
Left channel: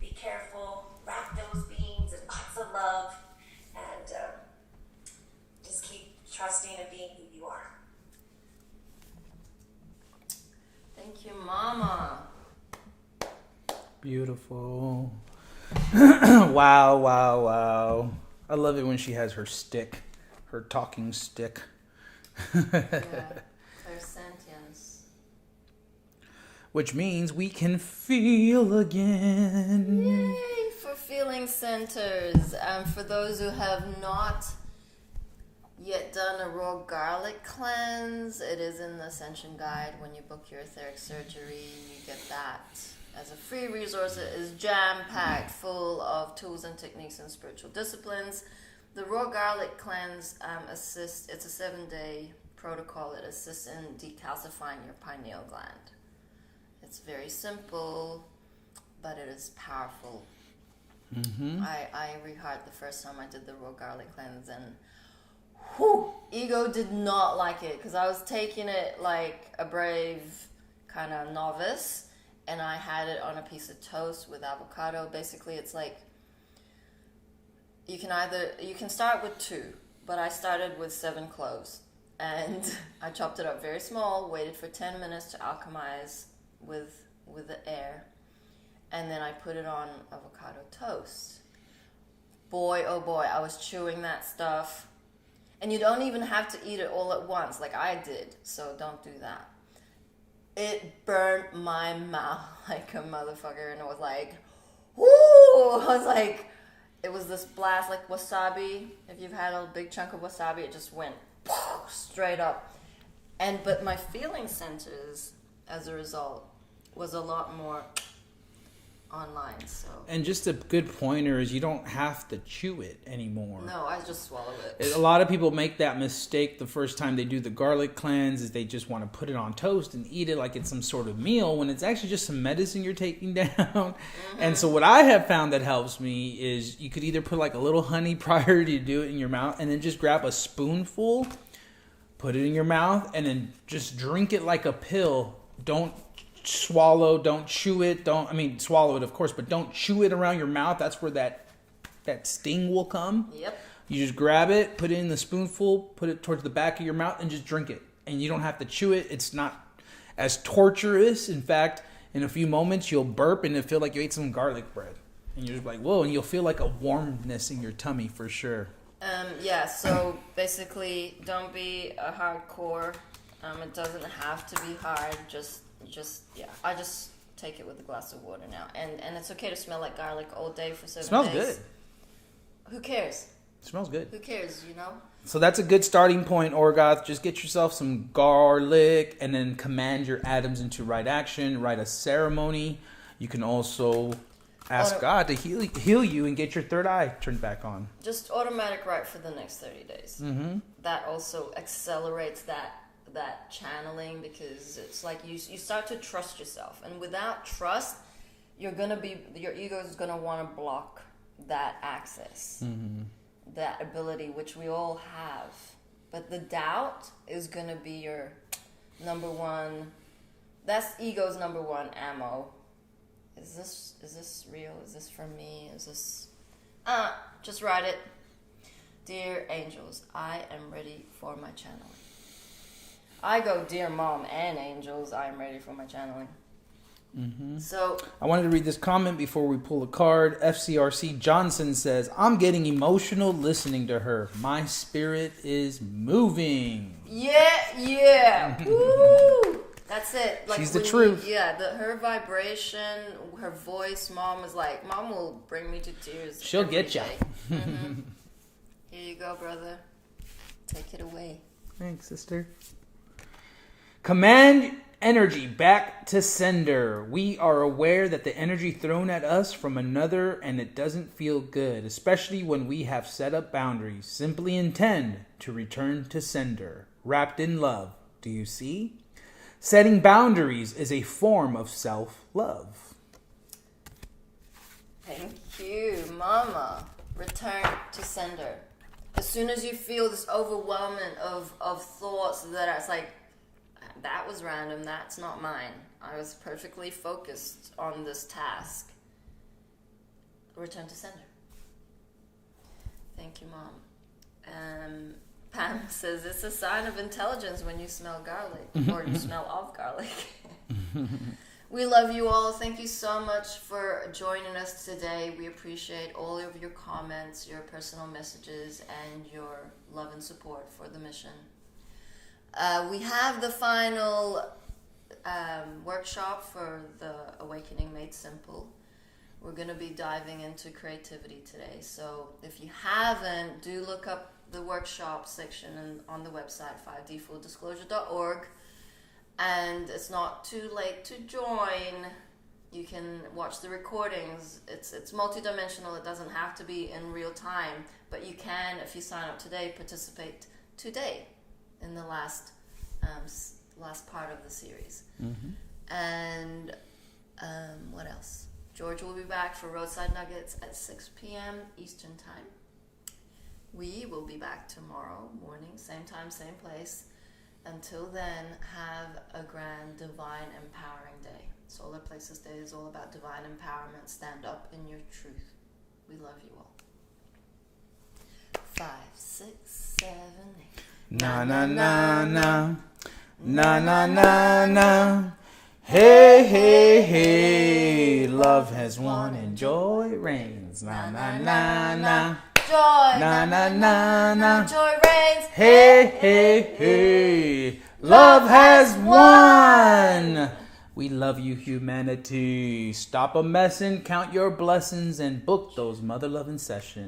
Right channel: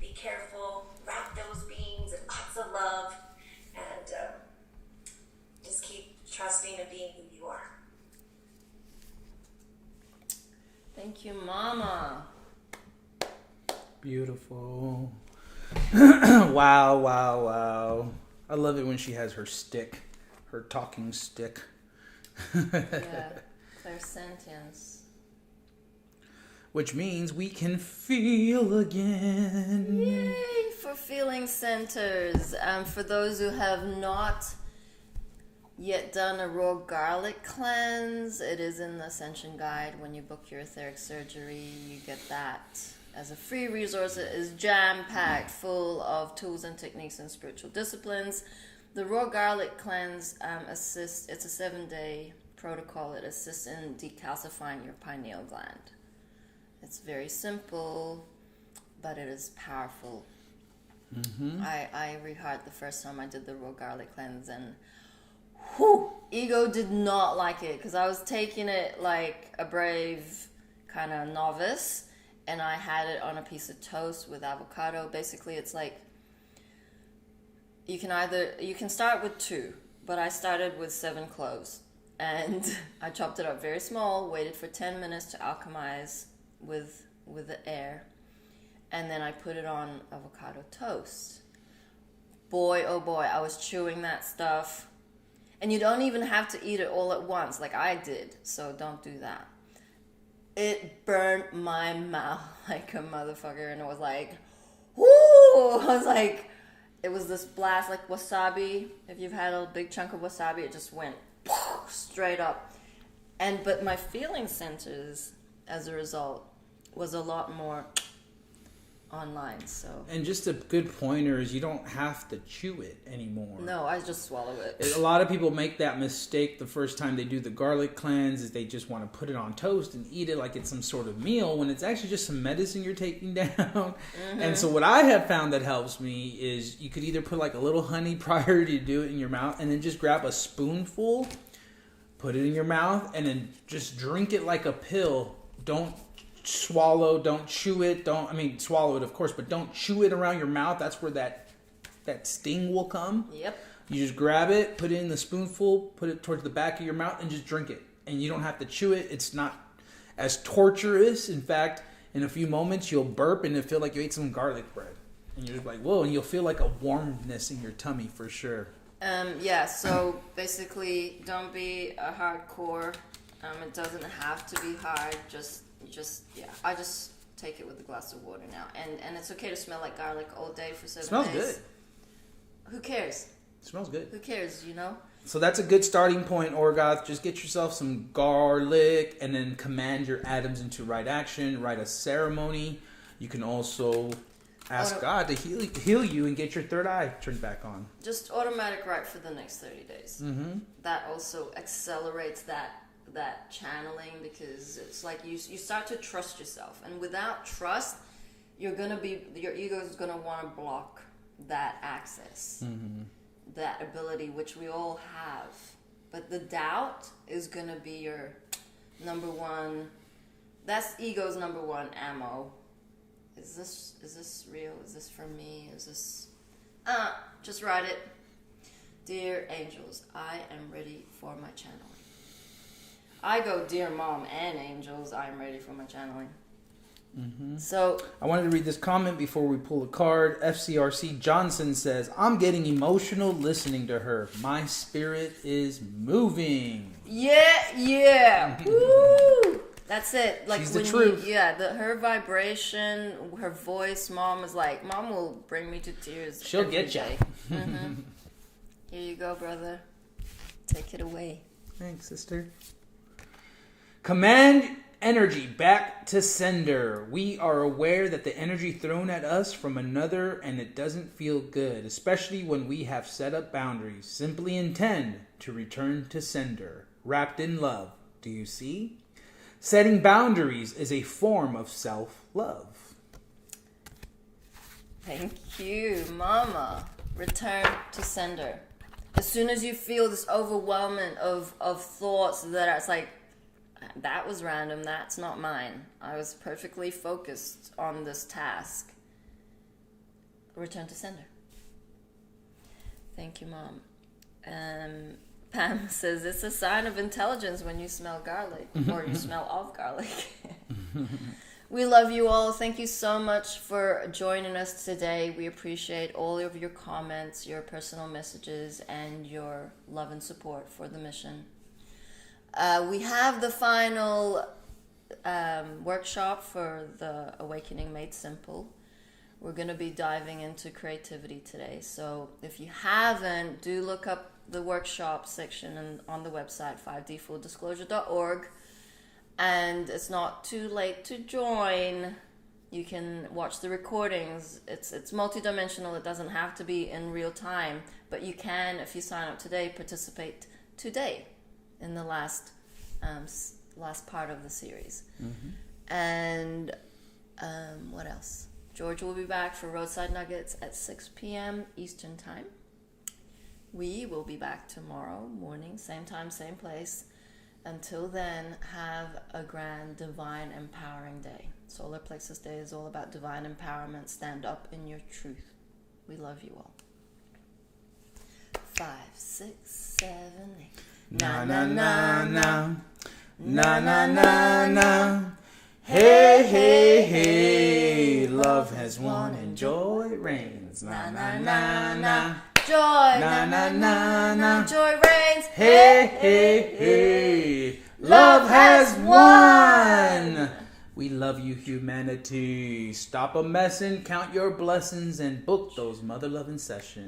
be careful, wrap those beings in lots of love, and just keep trusting and being who you are. Thank you, Mama. Beautiful. Wow, wow, wow. I love it when she has her stick, her talking stick. Yeah, clairsentience. Which means we can feel again. Yay for feeling centers. For those who have not yet done a raw garlic cleanse, it is in the Ascension guide. When you book your etheric surgery, you get that as a free resource. It is jam-packed full of tools and techniques and spiritual disciplines. The raw garlic cleanse assists, it's a 7-day protocol. It assists in decalcifying your pineal gland. It's very simple, but it is powerful. Mm-hmm. I reheard the first time I did the raw garlic cleanse, and ego did not like it, because I was taking it like a brave kind of novice, and I had it on a piece of toast with avocado. Basically, it's like you can start with 2, but I started with 7 cloves, and I chopped it up very small, waited for 10 minutes to alchemize with the air, and then I put it on avocado toast. Boy, oh boy, I was chewing that stuff. And you don't even have to eat it all at once like I did, so don't do that. It burnt my mouth like a motherfucker, and it was like, whoo! I was like, it was this blast like wasabi. If you've had a big chunk of wasabi, it just went straight up. But my feeling centers, as a result, was a lot more online. So. And just a good pointer is you don't have to chew it anymore. No, I just swallow it. A lot of people make that mistake the first time they do the garlic cleanse, is they just want to put it on toast and eat it like it's some sort of meal, when it's actually just some medicine you're taking down. Mm-hmm. And so what I have found that helps me is you could either put like a little honey prior to do it in your mouth, and then just grab a spoonful, put it in your mouth, and then just drink it like a pill. Don't swallow, don't chew it, swallow it of course, but don't chew it around your mouth. That's where that sting will come. Yep. You just grab it, put it in the spoonful, put it towards the back of your mouth, and just drink it. And you don't have to chew it. It's not as torturous. In fact, in a few moments you'll burp and it'll feel like you ate some garlic bread, and you're just like, whoa, and you'll feel like a warmness in your tummy for sure. So basically, don't be a hardcore. It doesn't have to be hard. I just take it with a glass of water now, and it's okay to smell like garlic all day for 7 days. Smells good. Who cares? It smells good. Who cares? You know. So that's a good starting point, Orgoth. Just get yourself some garlic, and then command your atoms into right action. Write a ceremony. You can also ask God to heal you and get your third eye turned back on. Just automatic write for the next 30 days. Mm-hmm. That also accelerates that channeling, because it's like you start to trust yourself, and without trust your ego is gonna want to block that access, that ability, which we all have. But the doubt is gonna be your number one. That's ego's number one ammo. Is this real? Is this for me? Is this just write it. Dear angels, I am ready for my channeling. I go, dear mom and angels, I am ready for my channeling. Mm-hmm. So I wanted to read this comment before we pull a card. FCRC Johnson says, I'm getting emotional listening to her. My spirit is moving. Yeah. Woo! That's it. Like, she's the truth. Her vibration, her voice, mom will bring me to tears. She'll get you. Mm-hmm. Here you go, brother. Take it away. Thanks, sister. Command energy back to sender. We are aware that the energy thrown at us from another, and it doesn't feel good, especially when we have set up boundaries. Simply intend to return to sender, wrapped in love. Do you see? Setting boundaries is a form of self-love. Thank you, mama. Return to sender. As soon as you feel this overwhelming of thoughts that it's like, that was random, that's not mine. I was perfectly focused on this task. Return to sender. Thank you, Mom. Pam says, it's a sign of intelligence when you smell garlic, or you smell of garlic. We love you all. Thank you so much for joining us today. We appreciate all of your comments, your personal messages, and your love and support for the mission. We have the final workshop for the Awakening Made Simple. We're going to be diving into creativity today. So if you haven't, do look up the workshop section on the website, 5dfulldisclosure.org. And it's not too late to join. You can watch the recordings. It's multidimensional. It doesn't have to be in real time. But you can, if you sign up today, participate today in the last part of the series. Mm-hmm. And what else? George will be back for Roadside Nuggets at 6 p.m. Eastern Time. We will be back tomorrow morning, same time, same place. Until then, have a grand, divine, empowering day. Solar Plexus Day is all about divine empowerment. Stand up in your truth. We love you all. 5, 6, 7, 8. Na na na na, na na na na. Hey hey hey, love has won and joy reigns. Na na na na. Joy, na na na na. Joy reigns. Hey hey hey, love has won. We love you, humanity. Stop a messin', count your blessings, and book those mother loving sessions.